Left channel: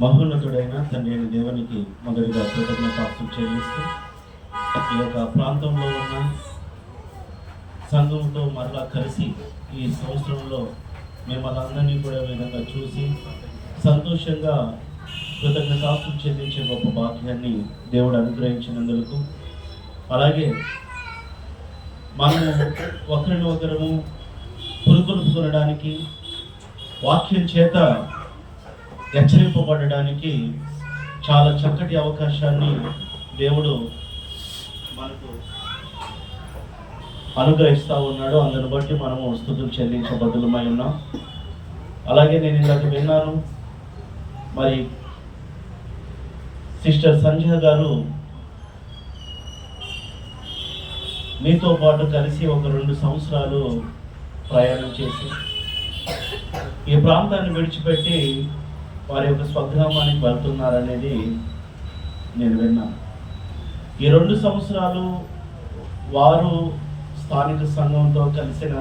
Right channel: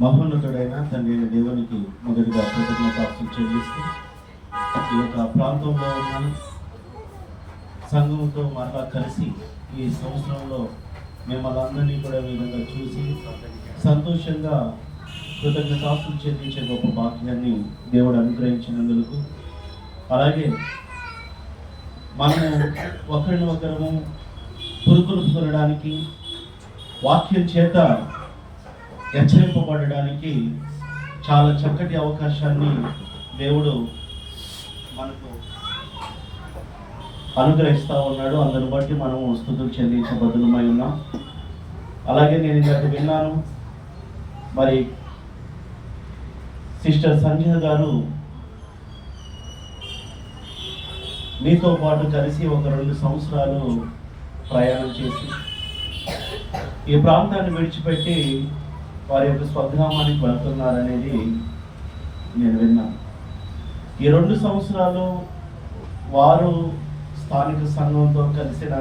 మహోన్నతుడైన తండ్రి అయిన దేవునికి మొదటిగా కృతజ్ఞతాస్తులు చెల్లిస్తూ ఈ యొక్క ప్రాంతంలో ఉన్న సంఘంతో మరలా కలిసి ఈ సంవత్సరంలో మిమ్మల్ని అందరినీ కూడా విధంగా చూసి సంతోషంగా కృతజ్ఞతాస్తులు చెల్లించే గొప్ప భాగ్యాన్ని దేవుడు అనుగ్రహించినందుకు, అలాగే మనము ఒకరిని ఒకరము పురుకొల్పుకొనడానికి, వాక్యం చేత హెచ్చరింపబడడానికి చాలా చక్కటి అవకాశాన్ని దేవుడు మనకు అనుగ్రహిస్తూ ఉన్నాడు. అందుని బట్టి మనము స్తుతులు చెల్లించబద్దులమై ఉన్నాం. అలాగే నేను ఇందాక విన్నాను, మరి సిస్టర్ సంజయ్ గారు మీతో పాటు కలిసి ఒక 2 సంవత్సరాలు ప్రయాణం చేసి ఈ ప్రాంతాన్ని విడిచిపెట్టి వారి యొక్క స్వగ్రామానికి వెళ్తున్నారనేది నేను విన్నాను. ఈ 2 సంవత్సరాలు వారు స్థానిక సంఘంతో కలిసిన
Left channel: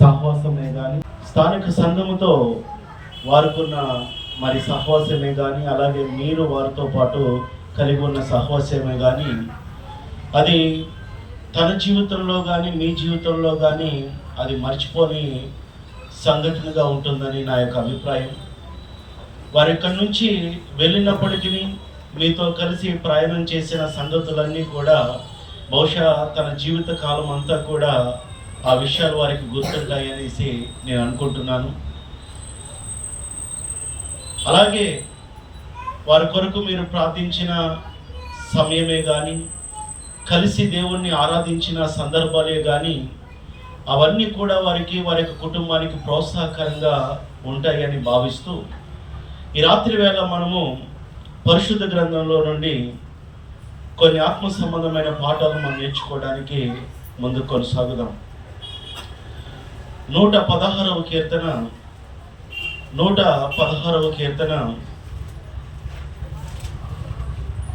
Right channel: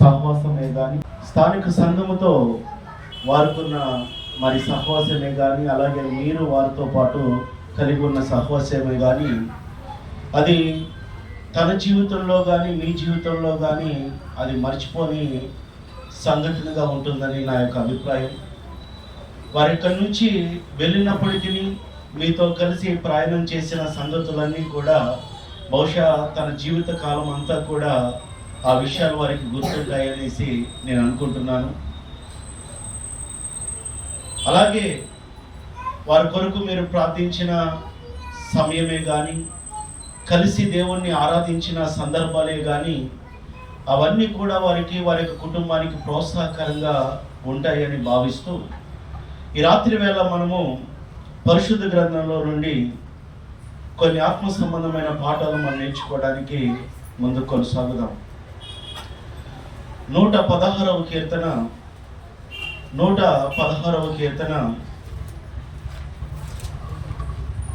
సహవాసమే కానీ, స్థానిక సంఘముతో వారికున్న మరి సహవాసమే కానీ, అలాగే మీరు వారితో పాటు కలిగి ఉన్న సహవాసమే కానీ, అది తన జీవితంలో కానీ మీ జీవితంలో కానీ అది మర్చిపోని సంఘటనగా ఉంటుందని నా యొక్క అభిప్రాయం. వారి ఇక్కడి నుంచి వెళ్ళినప్పటికీ మీతో కలిసి ప్రయాణం చేసిన సంగతులన్నీ కూడా బహుశా తన జీవిత కాలం అంతా కూడా ఆ విషయాలు వారికి గుర్తుంటాయనేసి నేను అనుకుంటున్నాను. అలాగే వారి కొరకు మీరు ప్రార్థించిన సమయమే కానీ, కలిసి దేవుణ్ణి ఆరాధించిన సందర్భాలే కానీ, అవన్నీ కూడా వారికి వారి యొక్క కుటుంబానికి ప్రోత్సాహకరంగా ఉంటాయని భావిస్తూ ఈ రాత్రి వేళ మనము పరిశుద్ధ గ్రంథంలో నుండి కొన్ని ఆత్మ సంబంధమైన పాఠాలు మనం నేర్చుకోవడానికి ముందుకు కొనసాగుదాం. 116వ కీర్తన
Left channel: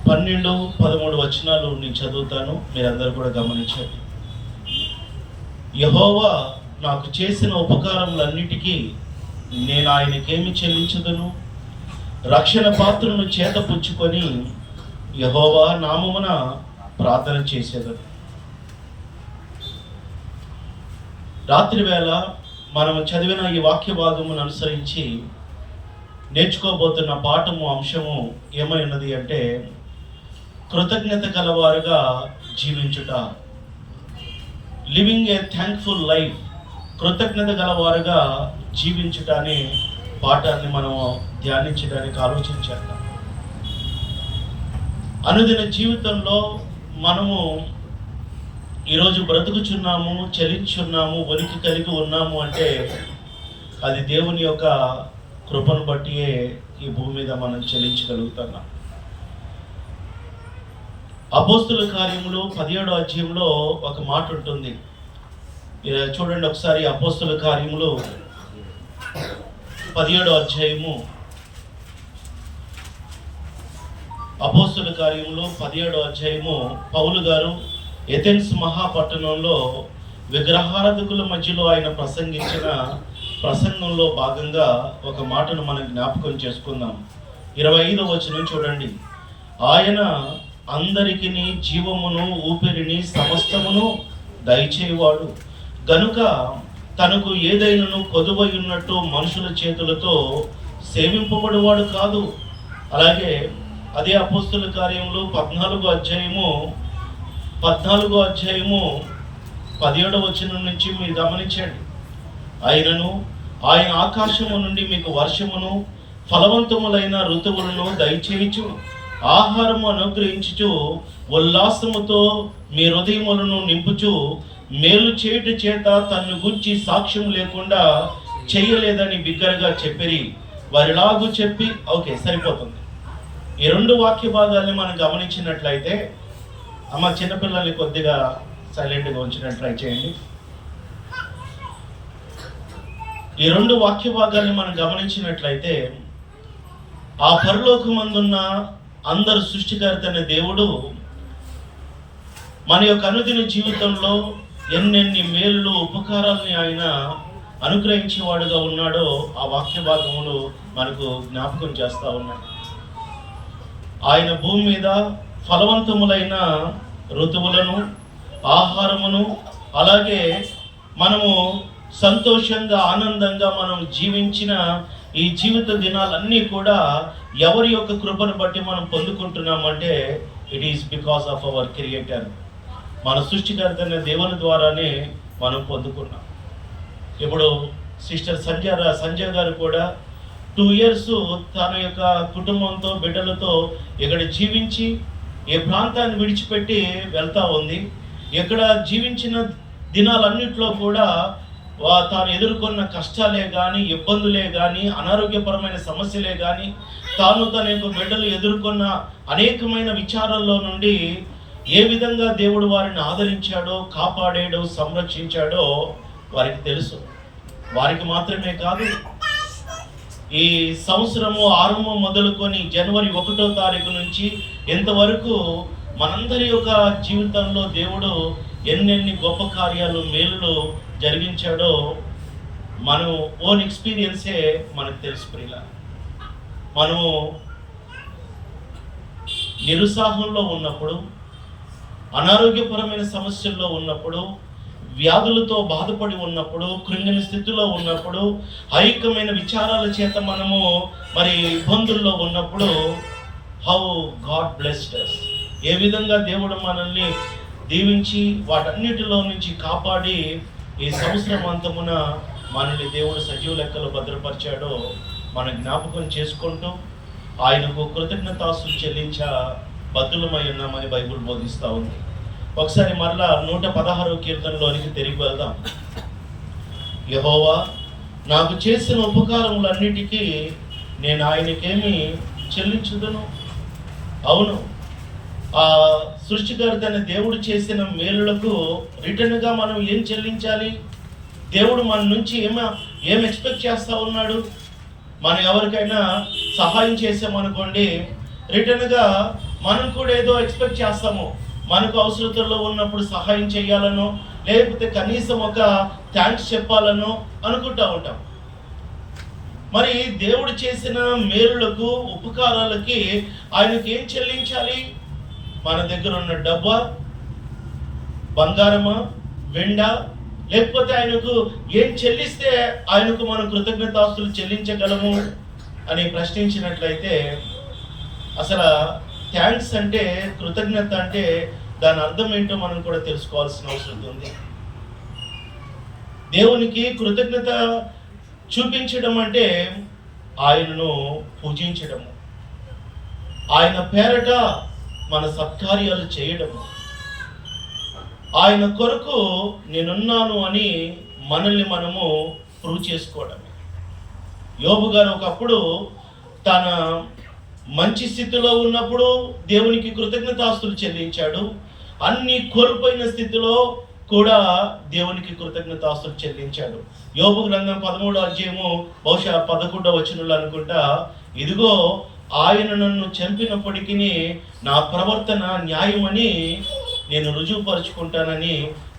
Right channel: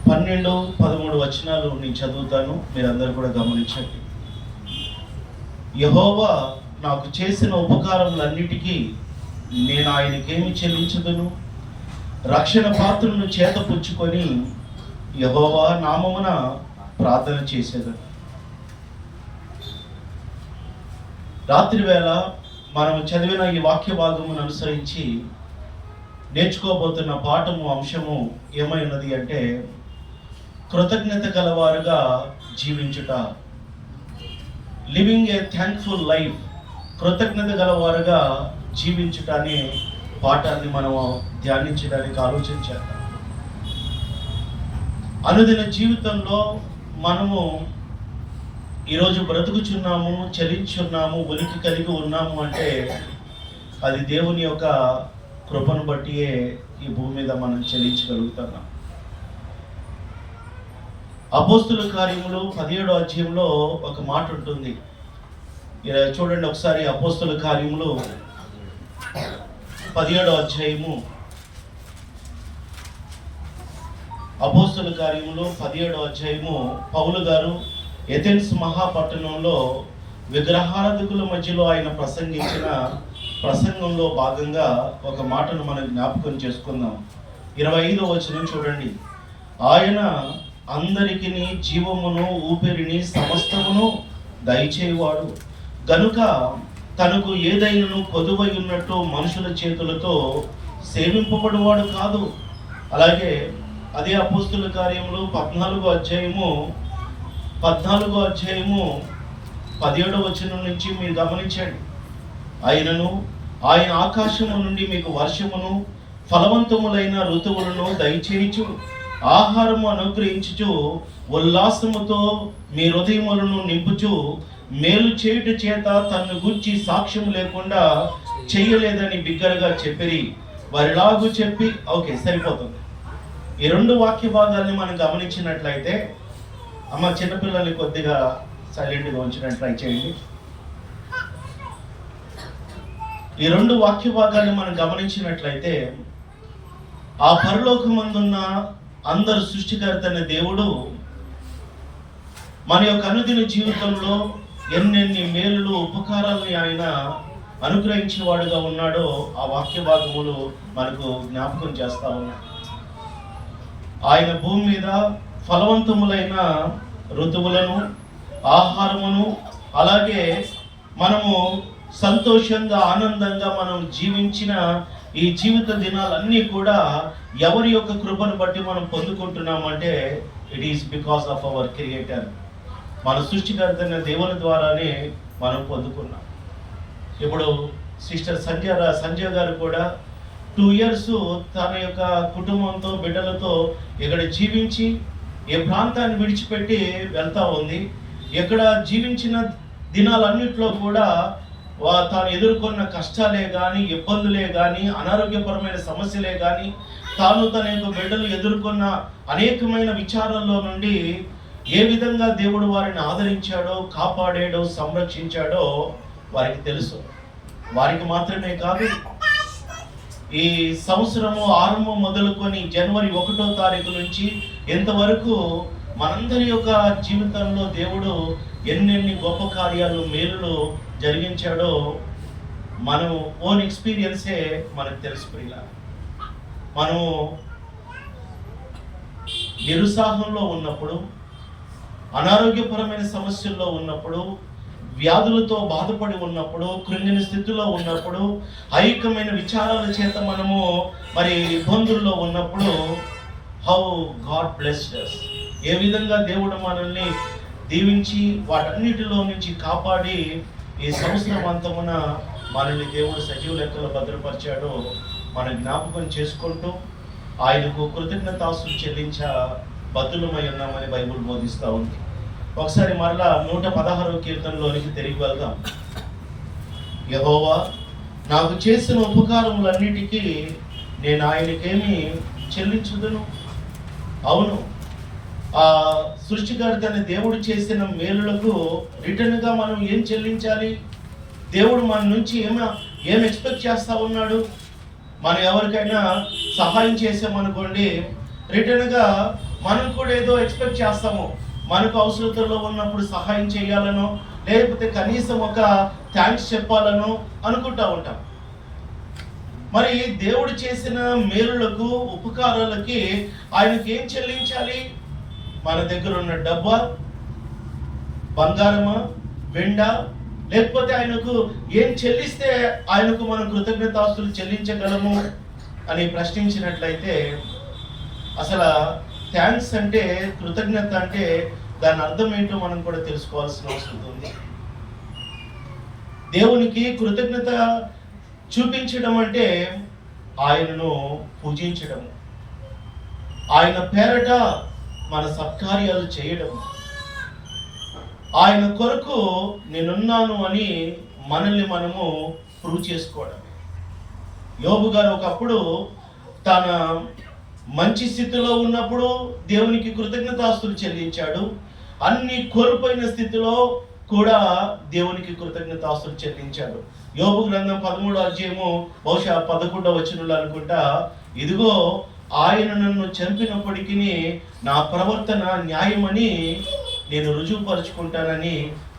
12 13 వచనాలు నేను చదువుతాను, మీరందరూ కూడా గమనించండి. యెహోవా నాకు చేసిన ఉపకారములన్నిటికీ నేను ఆయనకేమి చెల్లించదును? రక్షణ పాత్రను చేతపుచ్చుకొని యెహోవా నామమున ప్రార్థన చేసేదను. రాత్రి వేళ మనం చదివిన ఈ వాక్య భాగమును అనుసరించి నేర్చుకోబోతున్న పాఠము అంశము ఏమై ఉన్నది అంటే, కృతజ్ఞత గలవారుగా జీవించుట. Living a thankful life. కృతజ్ఞత గలవారుగా జీవించుట అనే పాఠాన్ని మనము ధ్యానించడానికి ఆలోచన చేద్దాం. అనుదిన జీవితంలో మనము ఈరోజు బ్రతుకుచున్నాము, చలించున్నాము, ఉనికి కలిగి ఉన్నాము అంటే అది దేవుని యొక్క కృపను బట్టియే ఈ భూమి మీద మనం చలించగలుగుతున్నాం. అపోస్తుల కార్యములు 17వ అధ్యాయంలో ఒక మాట ఉంటుంది. చూడండి ఒకసారి, అపోస్తుల కార్యములు 17వ అధ్యాయము. అపోస్తుల కార్యములు 17వ అధ్యాయము. పౌలు గారు ఎథెన్స్ మహాపట్టణంలో విగ్రహారాధకుల మధ్యలో ఆయన ప్రసంగించిన ప్రసంగంలో భాగంగా ఒక మాటను మనం జ్ఞాపకం చేసుకుందాం. 25వ వచనం చూడండి. ఆయన అందరికి జీవమును ఊపిరిని సమస్తమును దయచేవాడు గనుక తనకు ఏదైనాను కొదువై ఉన్నట్టు మనుషుల చేతులతో సేవింపబడువాడు కాదు. అలాగే అదే అపోస్తుల కార్యములు 14వ అధ్యాయము 17వ వచనం నుంచి మీరు గమనించండి. ఆయన ఆకాశము నుండి మీకు వర్షమును ఫలవంతములైన ఋతువులను దయచేయచు ఆహారము అనుగ్రహించుచు ఉల్లాసముతో మీ హృదయములను నింపుచు మేలు చేయుట చేత తన్ను గూర్చి సాక్ష్యం లేకుండా చెయ్యలేదని బిగ్గరగా చెప్పిరి. వారిలాగు చెప్పి ఓకే సరిపోతుంది. ఈ 2 వాక్య భాగాల్ని మనం గమనించినట్లయితే, అమ్మ చిన్నపిల్లల్ని కొద్దిగా సైలెంట్గా ఉంచడానికి ట్రై చేయండి. ఈ 2 వాక్య భాగాల్ని మనం గమనించినట్లయితే, ఆ పరలోకమందున్న అందరు సృష్టికర్త అనే దేవుడు మన యొక్క అనుదిన జీవితంలో ఎన్నెన్ని మేలు ఉపకారాలని ఆయన అనుగ్రహించేవాడుగా ఉన్నాడో ఆ వాక్య భాగములు మనకు జ్ఞాపకం చేస్తూ ఉన్నాయి. ఆయన భూమి మీద ఫలవంతములైన ఋతువులను, ఆహారమును, అలాగే మనము సంతోషంగా ఆనందంగా మనం జీవించిన ఈ జీవిత దినాలన్నీ కూడా ఎవరి యొక్క కృపను బట్టి మనం పొందుకుంటున్నామంటే it is because of our creator. మన సృష్టికర్తైన దేవుని ద్వారానే మనం పొందుకున్నాం. ఇప్పుడు సిస్టర్ సంజయ్ గారు కూడా 2 years తన యొక్క కుటుంబంతో, బిడ్డలతో ఇక్కడ జీవించి ఏ ప్రాంతాన్ని విడిచిపెట్టి వెళ్తూ ఉంది. ఇక్కడ జీవించిన దినాలన్నింటిలో కూడా తాను ఎదుర్కొన్న కష్టాలే కానీ, ఇబ్బందులే కానీ, అనారోగ్యపరమైన సమస్యలే కానీ, తాను తన యొక్క బిడ్డలు ఎదుర్కొన్న అనేకమైన విచారాల్లో నుండి ఏ విధంగా దేవుడు వారిని ఆదరించాడో, కాపాడాడో, సంరక్షించాడో వారికి తెలుసు. వారికి మాత్రమే కాదు, ఈ సంవత్సరము ఆరంభం మొదలుకొని జనవరి 1వ తారీఖు నుంచి ఎంతవరకు మనందరి యొక్క జీవితంలో దేవుడు ఎన్నెన్ని గొప్ప కార్యాలు, మేలులు జరిగించాడో మనం ఓన్ ఎక్స్పీరియన్సే మనకు తెలుసు. ప్రియుల, మనము నిరుత్సాహంలో ఉన్నప్పుడు, అనారోగ్యపరమైన సమస్యల్లో ఉన్నప్పుడు, వ్యాధులతో బాధపడి ఉన్నప్పుడు, కృంగిని స్థితిలో ఉన్నప్పుడు, ఐక్యమైన విచారాల చేత మనము ఇబ్బందుల్లో ఉన్నప్పుడు హౌ గాడ్ బ్లెస్డ్ us, ఏ విధంగా దేవుడు మనల్ని దీవించి వాటన్నిటిలో నుంచి కాపాడి ఈ సంవత్సరం అంతమున మనల్ని దేవుడు సజీవ లెక్కలో భద్రపరిచాడో మనం జ్ఞాపకం చేసుకుంటూ ఆయనకు కృతజ్ఞతాస్తులు చెల్లించ బద్దులమై ఉన్నామని బైబిల్ బోధిస్తూ ఉంది. ఒకసారి మరలా 116వ కీర్తనలోనికి తిరిగి వెళ్దాం. యెహోవా నాకు చేసిన ఉపకారములన్నిటికీ నేను ఆయనకేమి చెల్లించుదును? అవును, ఆ సృష్టికర్త అనే దేవుడు చేసిన మేలులకు రిటర్న్గా మనం ఏం చెల్లించాలి? దేవుడు మన నుంచి ఏం ఎక్స్పెక్ట్ చేస్తూ ఉన్నాడు? మనం ఎవరికైనా సహాయం చేసామనుకోండి, రిటర్న్గా మనం కూడా ఏదో ఎక్స్పెక్ట్ చేస్తాము. మనకు అవసరతల్లో ఉన్నప్పుడు సహాయం చేయాలనో, లేకపోతే కనీసం ఒక థ్యాంక్స్ చెప్పాలనో అనుకుంటూ ఉంటాం. మరి దేవుడు చేసిన మేలులకు, ఉపకారాలకి ఆయనకి ఏం చెల్లించాలి? మన దగ్గర ఉన్న డబ్బా, బంగారమా, వెండా, లేకపోతే ఆయనకు ఏం చెల్లిస్తే ఆయనకు మనం కృతజ్ఞతాస్తులు చెల్లించగలము అని ప్రశ్నించినట్లయితే, అసలు థ్యాంక్స్ అంటే, కృతజ్ఞత అంటే దాని అర్థం ఏంటో మనం కూడా తెలుసుకోవాల్సిన అవసరం ఉంది. దేవునికి కృతజ్ఞత చూపించడం అంటే ఆయనను పూజించడము, ఆయన పేరట మన సత్కార్యాలు చేయడము, ఆయన కొరకు నేనున్నాను అని మనల్ని మనము ప్రూవ్ చేసుకోవడమే. యోబు గారు ఒకప్పుడు తన మంచి స్థితిలో ఉన్నప్పుడు దేవునికి కృతజ్ఞతాస్తులు చెల్లించాడు. అన్ని కోల్పోయిన స్థితిలో కూడా దేవునికి కృతజ్ఞతాస్తులు చెల్లించాడు. యోబు గ్రంథం 13వ అధ్యాయము బహుశా 11వ వచనంలో అనుకుంటా, ఇదిగో ఆయన నన్ను చంపినప్పటికీ నా ప్రవర్తన న్యాయమని నేను రుజువుపరుచుకుంటానని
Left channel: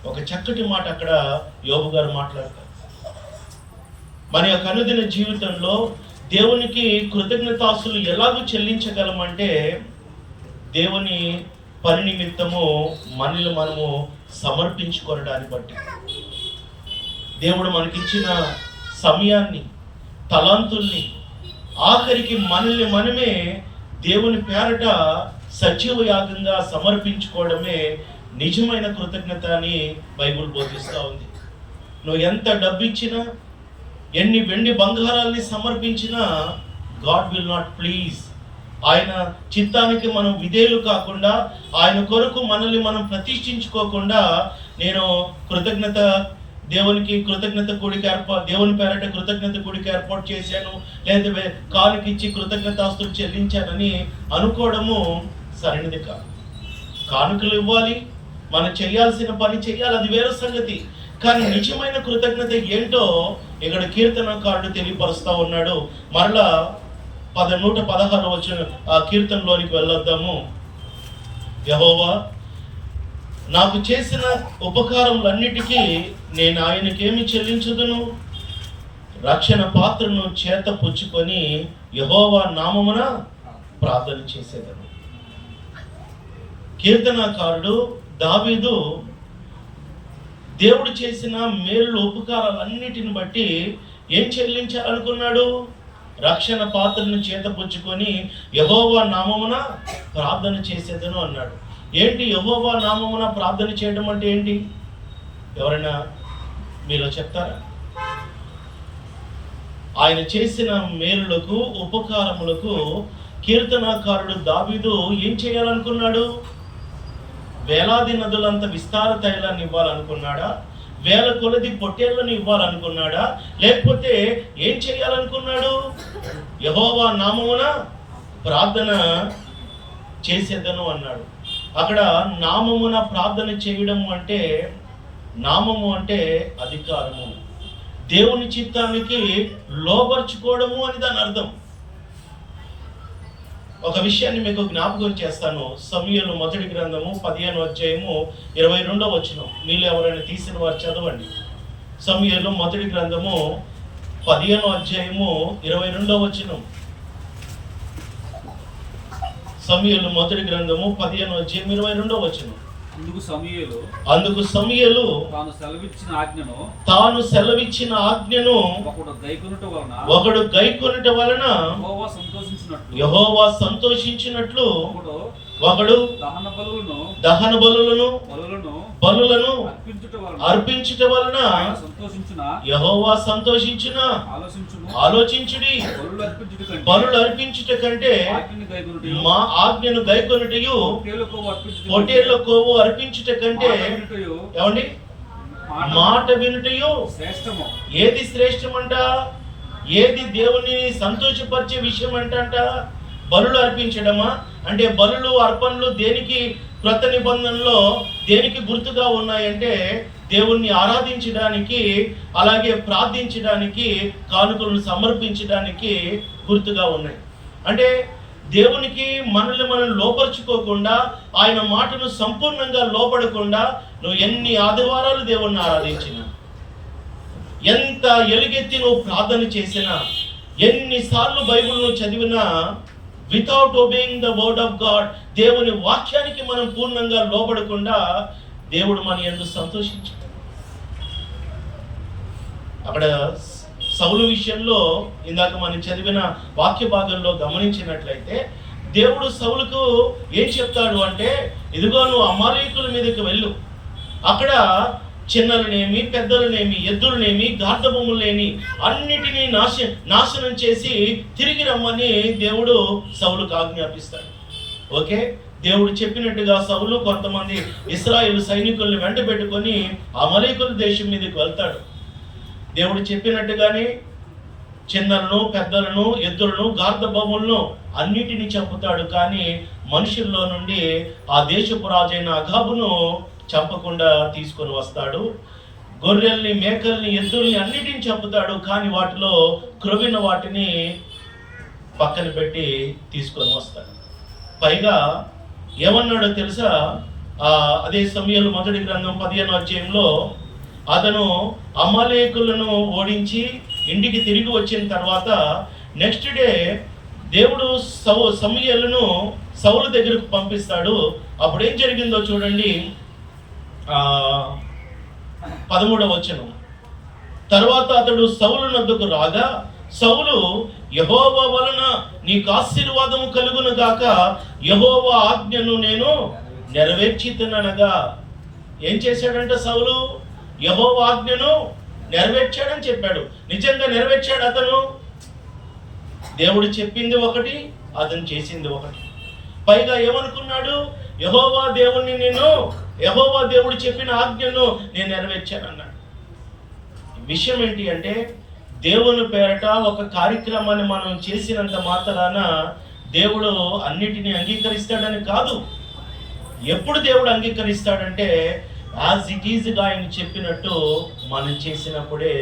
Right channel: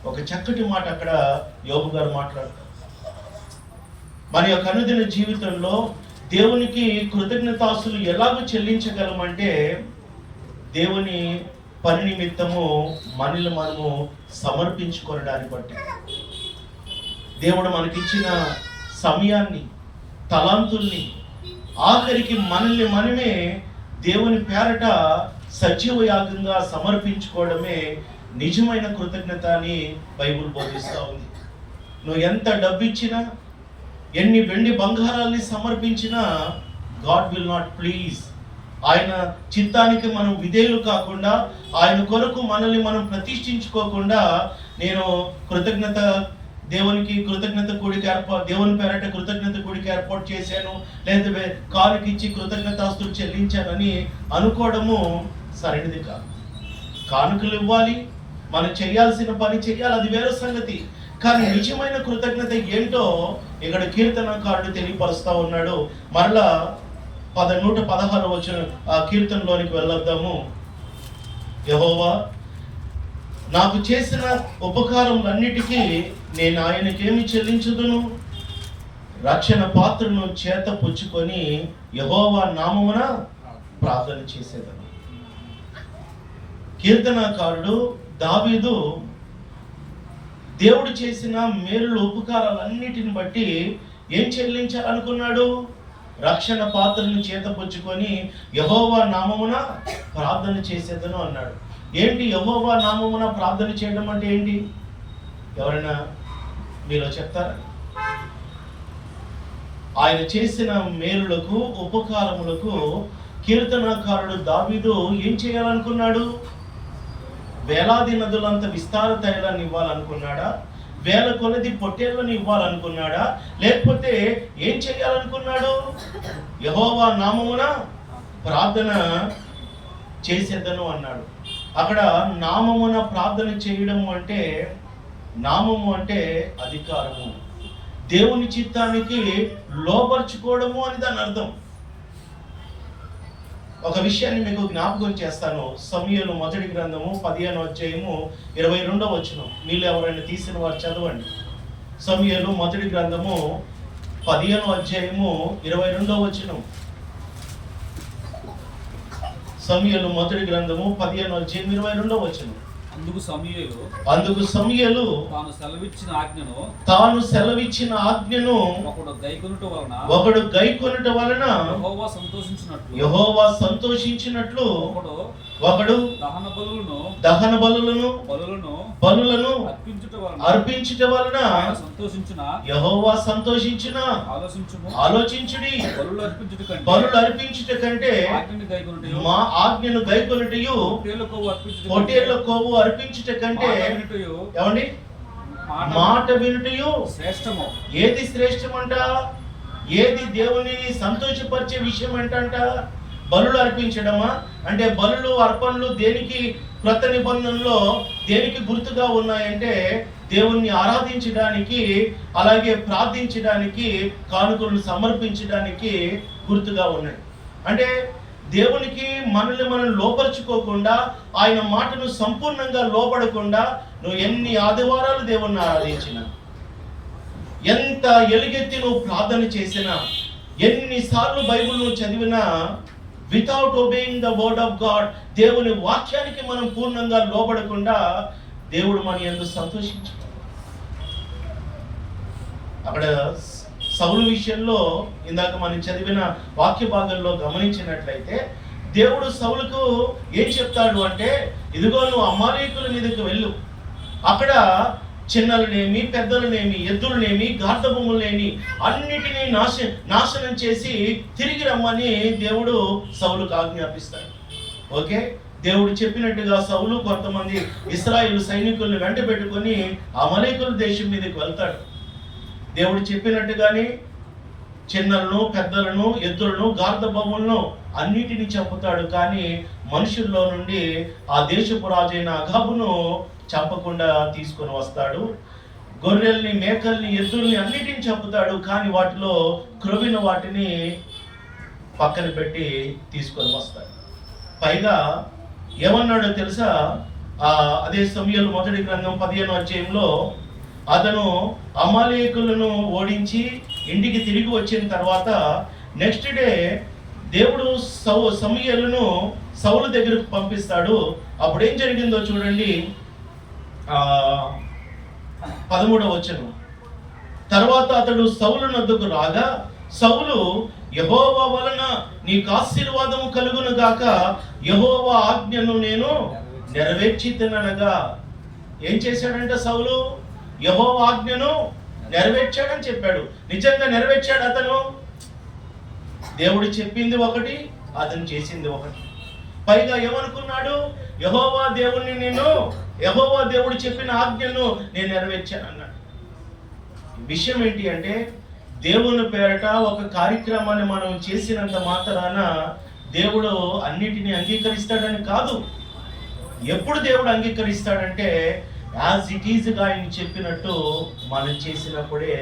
ఒక చక్కటి మాట అక్కడ యోబు గారు మాట్లాడతారు. మన యొక్క అనుదిన జీవితంలో దేవునికి కృతజ్ఞతాస్తులు ఎలాగో చెల్లించగలమంటే, దేవుని పని నిమిత్తము మనల్ని మనము సమర్పించుకోవడాన్ని బట్టి, దేవుడు మనకిచ్చిన సమయాన్ని, తలాంతుల్ని, ఆఖరికి మనల్ని మనమే దేవుని పేరట సజీవ యాగంగా సమర్పించుకోవడమే నిజమైన కృతజ్ఞత అని బైబిల్ బోధిస్తూ ఉంది. నువ్వు ఎంత డబ్బు ఇచ్చినా, ఎన్ని వెండి బంగారాల్ని సమర్పించినా గాడ్ విల్ నాట్ ప్లీజ్. ఆయన చిత్తానికి మనం విధేయులు కాకుండా, ఆయన కొరకు మనల్ని మనం ప్రతిష్ఠించుకోకుండా, నేను దేవునికి కృతజ్ఞత కూడిక దేవుని పేరట కృతజ్ఞత కూడిక ఏర్పాటు చేశాను, లేదా కానుకిచ్చి కృతజ్ఞతాస్తులు చెల్లించానని అనుకోవడము సరైనది కాదు. కానుకలు ఇవ్వాలి, మనం చేయాల్సిన పని చేయాలి, అది వేరే సంగతి. కానీ నిజమైన కృతజ్ఞత ఏంటో ఇక్కడ కీర్తనకారుడు తెలియపరుస్తూ ఉన్నాడు. మరలా 116 వచ్చిన ఆ కీర్తనలోనికి వెళ్ళొద్దాము. యెహోవా నాకు చేసిన ఉపకారములన్నిటికీ నేను ఆయనకేమి చెల్లించుదును? రక్షణ పాత్రను చేత పుచ్చుకొని యెహోవా నామమున ప్రార్థన చేసేదను. కీర్తనాకారుడు దావీదు దేవుడు చేసిన మేలు ఉపకారాలన్నిటిని బట్టి ఏం చెల్లించాలనుకున్నాడు? రక్షణ పాత్రను చేతపుచ్చుకొని యెహోవా నామమున ప్రార్థన చేసేదను అన్నాడు. ఏంటి యెహోవా నామమున ప్రార్థన చేయడం అంటే ఏంటి? ఎవరైనా మీలో చెప్తారా? ఆయన చేసిన మేలులకు ఉపకారములకు కీర్తనాకారుడు దావీదు ఏం చేయాలనుకున్నాడు? వేలాది నదులంత విస్తార తైలాన్ని ఇవ్వాలనుకున్నాడా? వేల కొలది పొట్టేళ్లను ఇవ్వాలనుకున్నాడా? లేకపోతే ఏం చేయాలనుకున్నాడు? యెహోవా నామమున ప్రార్థన చేసేదను అన్నాడు. అక్కడ నామమున ప్రార్థన చేయడము అంటే, నామము అంటే అధికారము, దేవుని చిత్తానికి లోబర్చుకోవడము అని దాని అర్థం. ఒక విషయాన్ని మీకు జ్ఞాపకం చేస్తాను. సమూయేలు మొదటి గ్రంథము 15వ అధ్యాయము 22వ వచనం. మీలో ఎవరైనా తీసిన వారు చదవండి. సమూయేలు మొదటి గ్రంథము 15వ అధ్యాయము 22వ వచనం. సమూయేలు మొదటి గ్రంథము 15వ అధ్యాయం 22వ వచనం. అందుకు సమూయేలు తాను సెలవిచ్చిన ఆజ్ఞను ఒకడు గైకొనుట వలన యెహోవా సంతోషించినట్లు ఒకడు దహన బలులను అర్పించుట వలన యెహోవా సంతోషించిన. ఆలోచించుడి, బలులు అర్పించుట కంటే మా ఆజ్ఞను గైకొనుటయు పొట్టేళ్ల కొవ్వు అర్పించుట కంటే ఏమండి మాట వినుటయు శ్రేష్టము. ఏది శ్రేష్టమంట? ఏది దేవుని సంతోషపరిచే విషయం అంట? బలులు అర్పించడమా? అంటే బలులు అర్పణలు దేనికి క్రొత్త నిబంధనలో దేనికి గుర్తుగా ఉన్నాయంటే దేవుణ్ణి ఆరాధించడానికి, అలాగే ప్రార్థించడానికి, కానుకలను సమర్పించడానికి గుర్తుగా ఉన్నాయి. అంటే దేవునికి మనల్ని మనం లోపరుచుకోకుండా, ఆయన మాటను సంపూర్ణంగా లోపడకుండా నువ్వు ఎన్ని ఆదివారాలు దేవుణ్ణి ఆరాధించినా, ఎంత ఎలుగెత్తి నువ్వు ప్రార్థన చేసినా, ఎన్నిసార్లు బైబిల్ నువ్వు చదివినా, without obeying the word of God, దేవుని వాక్యానికి మనం పూర్ణంగా లోబడకుండా దేవుడు మన యందు సంతోషించాడు. అక్కడ సౌలు విషయంలో ఇందాక మనం చదివిన వాక్య భాగంలో గమనించినట్లయితే దేవుడు సౌలుకు ఏం చెప్తాడు అంటే, ఇదిగో నువ్వు అమాలేకుల మీదకి వెళ్ళు, అక్కడ చిన్నలనేమి పెద్దలనేమి ఎద్దులనేమి గార్ధబొమ్మలనేమి అన్నిటినీ నాశనం చేసి తిరిగి రమ్మని దేవుడు సౌలుకు ఆజ్ఞాపిస్తాడు. ఓకే, దేవుడు చెప్పినట్టుగా సౌలు కొంతమంది ఇశ్రాయేలు సైనికుల్ని వెంట పెట్టుకొని అమాలేకుల దేశం మీదకి వెళ్తాడు. దేవుడు చెప్పినట్టుగానే చిన్నలను పెద్దలను ఎద్దులను గార్ధబొమ్మలను అన్నిటినీ చంపుతాడు. కానీ మనుషుల్లో నుండి ఆ దేశపు రాజైన అగాబును చంపకుండా తీసుకొని వస్తాడు. గొర్రెల్ని, మేకల్ని, ఎద్దుల్ని అన్నిటిని చంపుతాడు. కానీ వాటిలో క్రొవిన వాటిని పక్కన పెట్టి తీసుకొని వస్తాడు. పైగా ఏమన్నాడో తెలుసా? అదే సమూయేలు మొదటి గ్రంథం 15వ అధ్యాయంలో అతను అమాలేకులను ఓడించి ఇంటికి తిరిగి వచ్చిన తర్వాత నెక్స్ట్ డే దేవుడు సమూయేలును సౌలు దగ్గరకు పంపిస్తాడు. అప్పుడు ఏం జరిగిందో చూడండి. 13వ వచనం. తర్వాత అతడు సౌలు నద్దకు రాగా సౌలు, యెహోవా వలన నీకు ఆశీర్వాదము కలుగును గాక, యెహోవా ఆజ్ఞను నేను నెరవేర్చితిననగా. ఏం చేశాడంట సౌలు? యెహోవా ఆజ్ఞను నెరవేర్చాడని చెప్పాడు. నిజంగా నెరవేర్చాడు అతను? దేవుడు చెప్పింది ఒకటి, అతను చేసింది ఒకటి. పైగా ఏమనుకున్నాడు? యెహోవా దేవుడు చెప్పిన ఆజ్ఞను నేను నెరవేర్చాను అన్నాడు. విషయం ఏంటి అంటే, దేవుని పేరట ఒక కార్యక్రమాన్ని మనం చేసినంత మాత్రాన దేవుడు అన్నిటినీ అంగీకరిస్తాడని కాదు. ఎప్పుడు దేవుడు అంగీకరిస్తాడంటే యాజ్ ఇట్ ఈజ్గా ఆయన చెప్పినట్టు మనం చేసినప్పుడే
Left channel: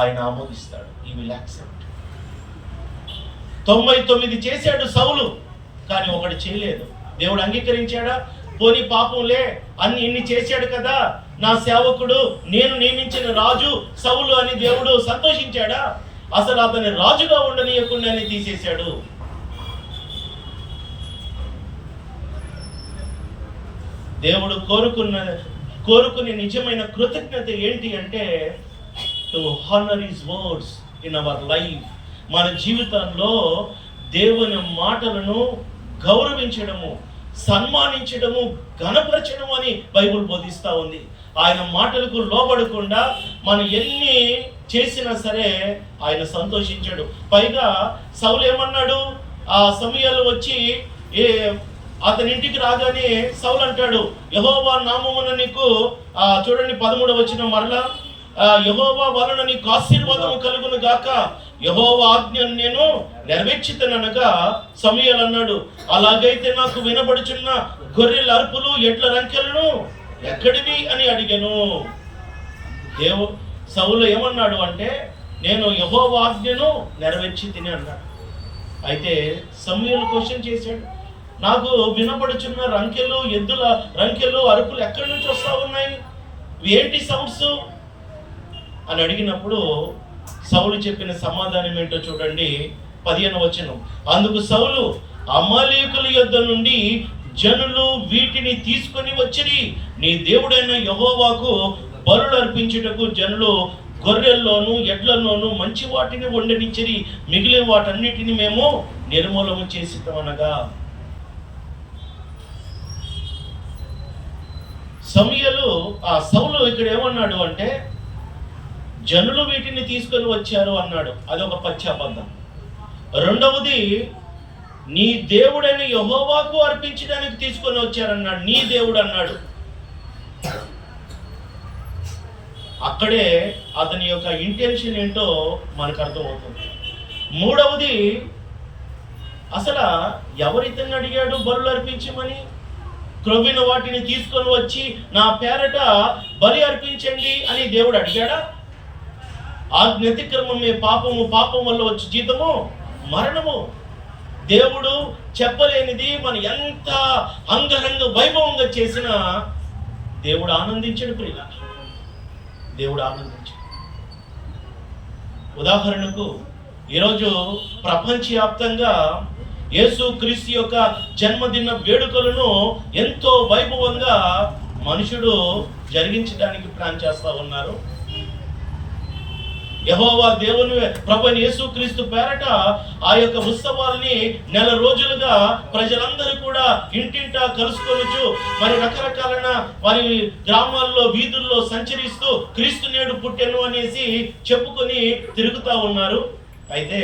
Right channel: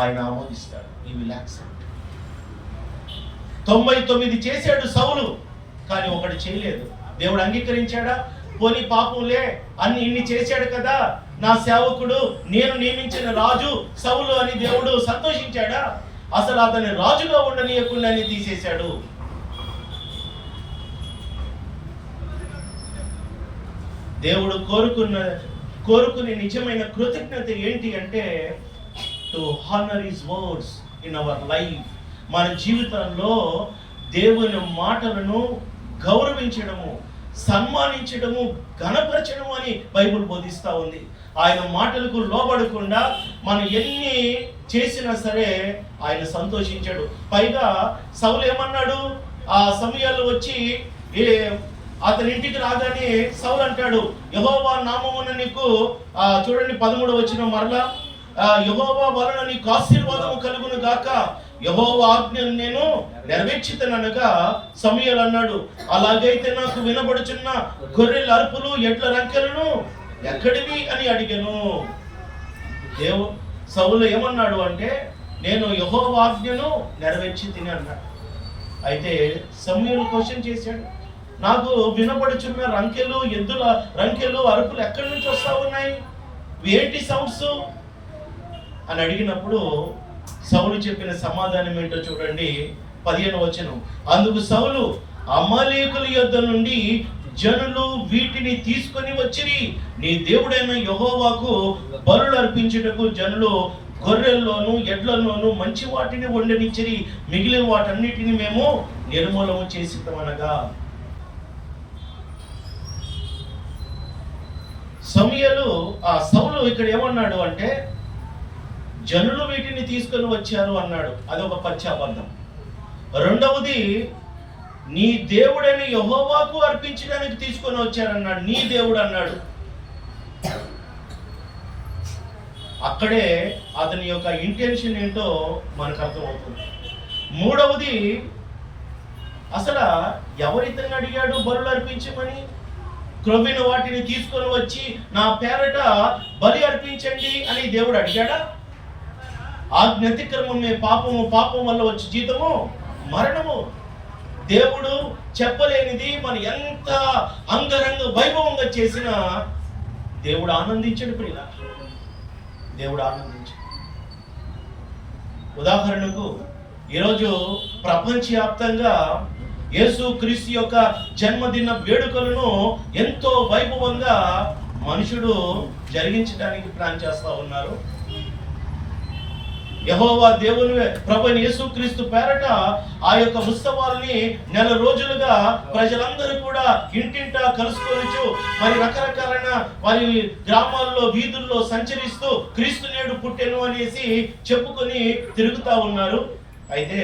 ఆయన ఆమోదిస్తాడు. ఈ విల్ యాక్సెప్ట్. 99 చేశాడు సౌలు, కానీ ఒకటి చేయలేదు. దేవుడు అంగీకరించాడా? పోనీ పాపంలే, ఇన్ని చేశాడు కదా, నా సేవకుడు, నేను నియమించిన రాజు సౌలు అని దేవుడు సంతోషించాడా? అసలు అతని రాజుగా ఉండనీయకుండానే తీసేశాడు. దేవుడు కోరుకునే నిజమైన కృతజ్ఞత ఏంటి అంటే to honour his words in our life. మన జీవితంలో దేవుని మాటలను గౌరవించడము, సన్మానించడము, ఘనపరచడం అని బైబుల్ బోధిస్తూ ఉంది. ఆయన మాటలకు లోబడకుండా మనం ఎన్ని చేసినా సరే ఆయన సంతోషించాడు. పైగా సౌలు ఏమన్నాడు? ఆ సమయాలు వచ్చి అతని ఇంటికి రాగానే సౌలు అంటాడు, యెహోవా నామమున నీకు చూడండి 13వ వచనం మరలా, యెహోవా వలన నీకు ఆశీర్వాదము కలుగును గాక, యెహోవా ఆజ్ఞను నేను నెరవేర్చితననగా సమూయేలు అన్నాడు, అలాగైతే నాకు వినబడుచున్న గొర్రెల అరుపులు ఎడ్ల రంకెలను ఎక్కడివి అని అడిగాను. సౌలు ఏమన్నాడు అంటే, నేను యెహోవా ఆజ్ఞను నెరవేర్చి తిని అన్నాడు. అయితే సమూయేలు క్వశ్చన్ చేశాడు, నాకు వినపడుచున్న రంకెలు, ఎద్దుల రంకెలు, అరుపులు ఎక్కడి నుంచి వస్తూ ఉన్నాయి, ఏంటి సౌండ్స్ అని అడిగినప్పుడు సౌలు చెప్పిన సమాధానం ఏంటో చూడండి. 15వ వచనం, అందుకు సౌలు, అమాలేకుల యొద్ద నుండి జనులు వీటిని తీసుకొని వచ్చిరి, నీ దేవుడైన యెహోవాకు బలులు అర్పించుటకు జనులు గొర్రెల్లోను ఎడ్లలోను మంచి వాటిని వండనిచ్చిరి, మిగిలిన వాటన్నిటిని మేము నిర్మూలము చేసినగా. సౌలు ఇక్కడ ఏమన్నాడు అంటే, జనులు వీటిని తీసుకొని వచ్చారు అన్నాడు. అదొక పశ్చాబద్ధం. రెండవది, నీ దేవుడైన యెహోవాకు అర్పించడానికి తీసుకొని వచ్చారన్నాడు. నీ దేవుడు అన్నాడు. అక్కడే అతని యొక్క ఇంటెన్షన్ ఏంటో మనకు అర్థమవుతుంది. మూడవది, అసలు ఎవరితన్ని అడిగాడు బలులు అర్పించమని? క్రొవ్విన వాటిని తీసుకొని వచ్చి నా పేరట బలి అర్పించండి అని దేవుడు అడిగాడా? ఆజ్ఞాతిక్రమమే పాపము, పాపం వల్ల వచ్చి జీతము మరణము. దేవుడు చెప్పలేనిది మన ఎంత అంగరంగ వైభవంగా చేసినా దేవుడు ఆనందించడు ప్రియుల, దేవుడు ఆనందించడు. ఉదాహరణకు ఈరోజు ప్రపంచవ్యాప్తంగా యేసు క్రీస్తు యొక్క జన్మదిన వేడుకలను ఎంతో వైభవంగా మనుషుడు జరిగించడానికి ప్లాన్ చేస్తూ ఉన్నారు. యెహోవా దేవుని ప్రభువైన యేసుక్రీస్తు పేరట ఆ యొక్క ఉత్సవాల్ని నెల రోజులుగా ప్రజలందరూ కూడా ఇంటింటా కలుసుకొనొచ్చు, మరి రకరకాలైన వారి గ్రామాల్లో వీధుల్లో సంచరిస్తూ క్రీస్తు నేడు పుట్టెను అనేసి చెప్పుకొని తిరుగుతూ ఉన్నారు. అయితే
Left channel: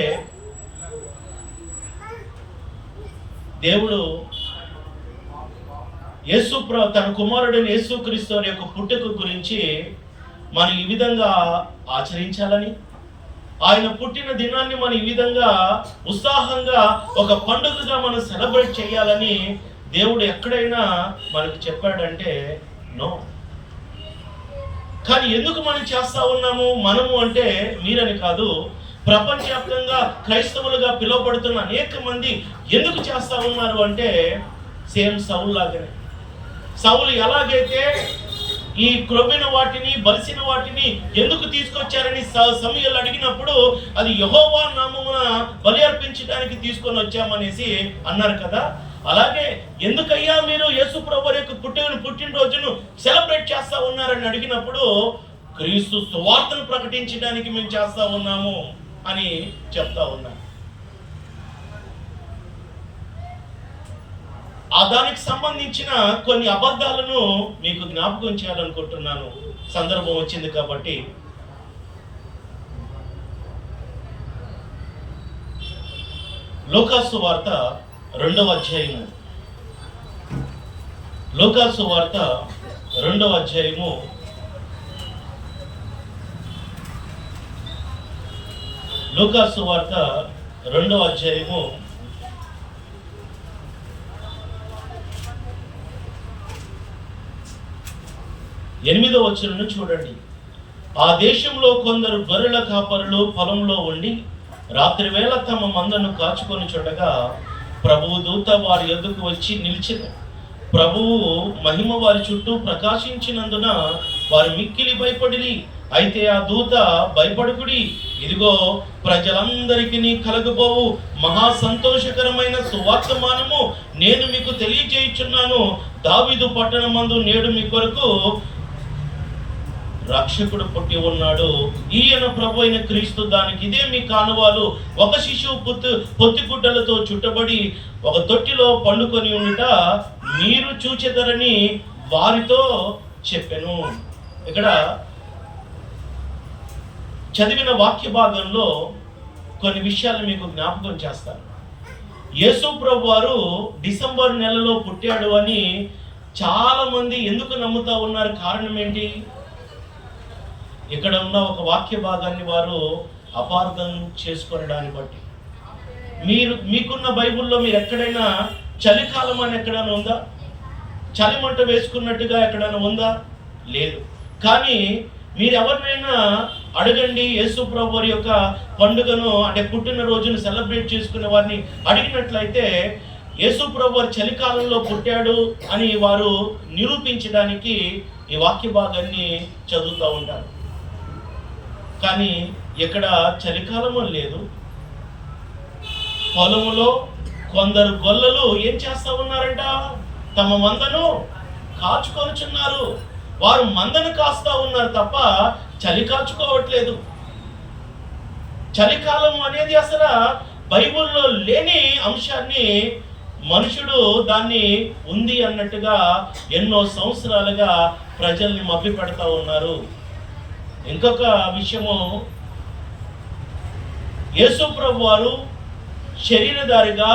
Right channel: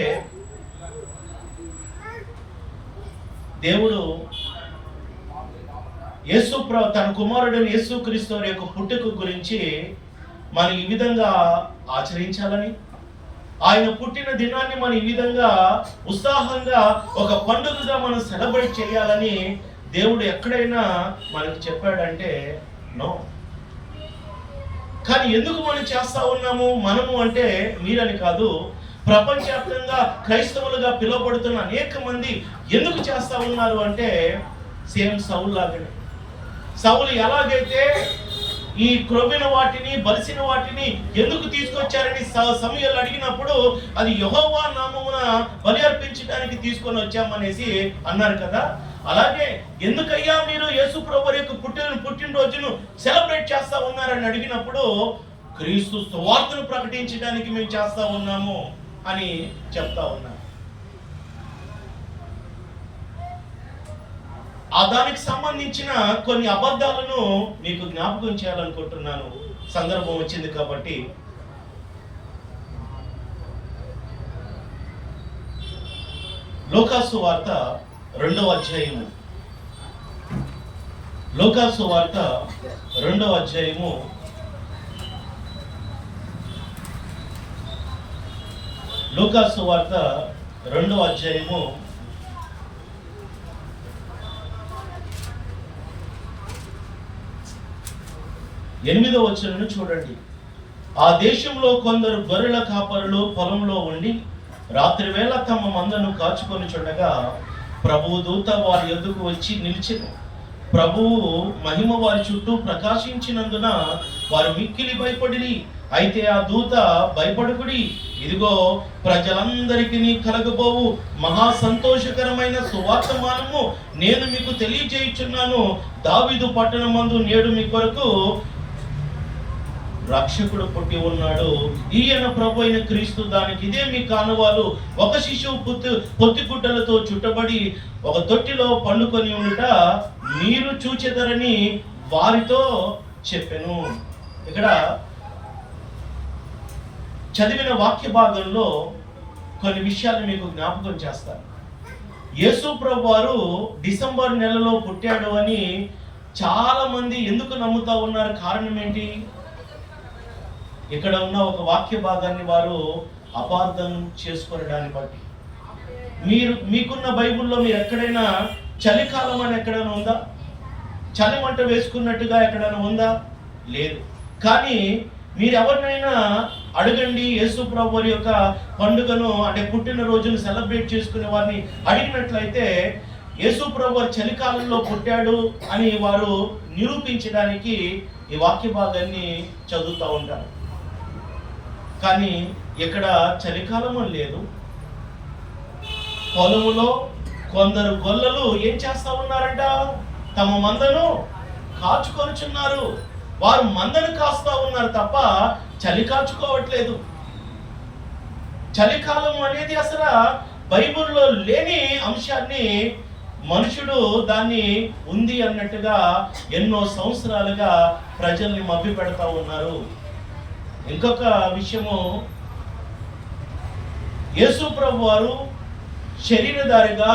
దేవుడు తన కుమారుడైన యేసుక్రీస్తు వారి యొక్క పుట్టుక గురించి మనం ఈ విధంగా ఆచరించాలని, ఆయన పుట్టిన దినాన్ని మనం ఈ విధంగా ఉత్సాహంగా ఒక పండుగగా మనం సెలబ్రేట్ చేయాలని దేవుడు ఎక్కడైనా మనకు చెప్పాడంటే నో. కానీ ఎందుకు మనం చేస్తా ఉన్నాము? మనము అంటే మీరని కాదు, ప్రపంచవ్యాప్తంగా క్రైస్తవులుగా పిలువబడుతున్న అనేక మంది ఎందుకు చేస్తా ఉన్నారు అంటే సేమ్ సౌలు లాగానే. సౌలు ఎలాగైతే ఈ క్రొవ్విన వాటిని, బలిసిన వాటిని ఎందుకు తీసుకొచ్చారని సమూయేలు అడిగినప్పుడు అది యెహోవా నామమున బలి అర్పించడానికి తీసుకొని వచ్చామనేసి అన్నారు కదా. అలాగే ఎందుకయ్యా మీరు యేసు ప్రభువు యొక్క పుట్టినరోజును సెలబ్రేట్ చేస్తా ఉన్నారని అడిగినప్పుడు క్రీస్తు సువార్తను ప్రకటించడానికి మేము చేస్తా ఉన్నాము అని చెప్తా ఉన్నా. దానికి సంబంధించిన కొన్ని అబద్ధాలను మీకు జ్ఞాపకం చేయాలనుకుంటున్నాను, సందర్భం వచ్చింది కాబట్టి. లూకాసు వార్త 2వ అధ్యాయము, లూకాసు వార్త 2వ అధ్యాయము 8వ వచనం చూడండి. ఆ దేశంలో కొందరు గొర్రెల కాపరులు పొలంలో ఉండి రాత్రివేళ తమ మందను కాచుకొని చూడగా ప్రభువు దూత వారి యొద్దకు వచ్చి నిలిచెను. ప్రభువు మహిమ వారి చుట్టూ ప్రకాశించినందున వారు మిక్కిలి భయపడిరి. అయితే ఆ దూత, భయపడుకుడి, ఇదిగో ప్రజలందరికీ కలగబోవు మహా సంతోషకరమైన సువార్తమానము నేను మీకు తెలియజేయుచున్నాను. దావీదు పట్టణమందు నేడు మీ కొరకు రక్షకుడు పుట్టి ఉన్నాడు. ఈయన ప్రభు అయిన క్రీస్తు. దానికి ఇదే మీ కానువాలు. ఒక శిశువు పొత్తిగుడ్డలతో చుట్టబడి ఒక తొట్టిలో పండుకొని ఉండుట మీరు చూచెదరని వారితో చెప్పెను. ఇక్కడ చదివిన వాక్య భాగంలో కొన్ని విషయాలు మీకు జ్ఞాపకం చేస్తాను. యేసు ప్రభు వారు డిసెంబర్ నెలలో పుట్టాడు అని చాలా మంది ఎందుకు నమ్ముతా ఉన్నారు? కారణం ఏంటి? ఇక్కడ ఉన్న ఒక వాక్య భాగాన్ని వారు అపార్థం చేసుకోవడాన్ని బట్టి. మీకున్న బైబిల్లో మీరు ఎక్కడైనా చలికాలం అని ఎక్కడైనా ఉందా? చలిమంట వేసుకున్నట్టుగా ఎక్కడైనా ఉందా? లేదు. కానీ మీరు ఎవరినైనా అడగండి, యేసు ప్రభు వారి యొక్క పండుగను అంటే పుట్టినరోజును సెలబ్రేట్ చేసుకునే వారిని అడిగినట్లయితే యేసు ప్రభు వారు చలికాలంలో పుట్టాడు అని వారు నిరూపించడానికి ఈ వాక్య భాగాన్ని చదువుతూ ఉంటారు. కానీ ఇక్కడ చలికాలం లేదు. పొలములో కొందరు గొల్లలు ఏం చేస్తా ఉన్నారంట? తమ మందను కాచుకొనుచున్నారు. వారు మందను కాస్తా ఉన్నారు తప్ప చలి కాచుకోవట్లేదు. చలికాలం అనేది అసలు బైబిల్లో లేని అంశాన్ని మనుషుడు దాన్ని ఉంది అన్నట్టుగా ఎన్నో సంవత్సరాలుగా ప్రజల్ని మభ్య పెడతా ఉన్నారు. ఇంకొక విషయము, యేసు ప్రభు వారు శరీరధారిగా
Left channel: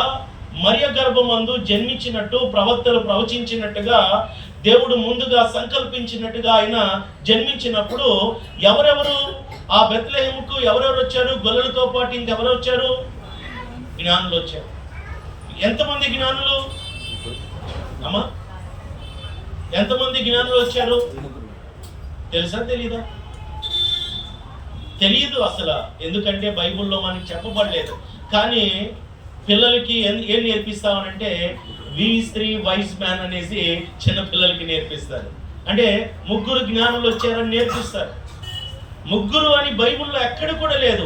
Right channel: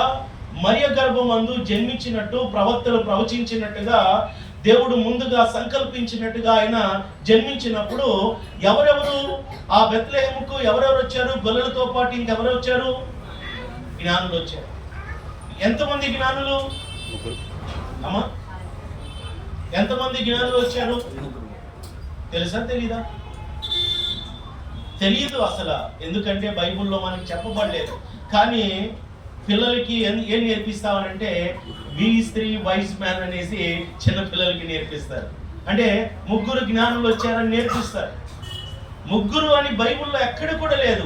మరియ గర్భమందు జన్మించినట్టు ప్రవక్తలు ప్రవచించినట్టుగా దేవుడు ముందుగా సంకల్పించినట్టుగా ఆయన జన్మించినప్పుడు ఎవరెవరు ఆ బెత్లెహేముకు ఎవరెవరు వచ్చారు? గొల్లలతో పాటు ఇంకెవరు వచ్చారు? జ్ఞానులు వచ్చారు. ఎంతమంది జ్ఞానులు అమ్మా? ఎంతమంది జ్ఞానులు వచ్చారు? తెలుసా తెలీదా? తెలియదు అసలు. ఎందుకంటే బైబిల్లో మనకి చెప్పబడలేదు. కానీ పిల్లలకి ఏం నేర్పిస్తామనంటే V3 వైస్ మ్యాన్ అనేసి చిన్న పిల్లలకి నేర్పిస్తారు. అంటే ముగ్గురు జ్ఞానులు వచ్చారని నేర్పిస్తారు. ముగ్గురు అని బైబిల్లో ఎక్కడ కూడా లేదు.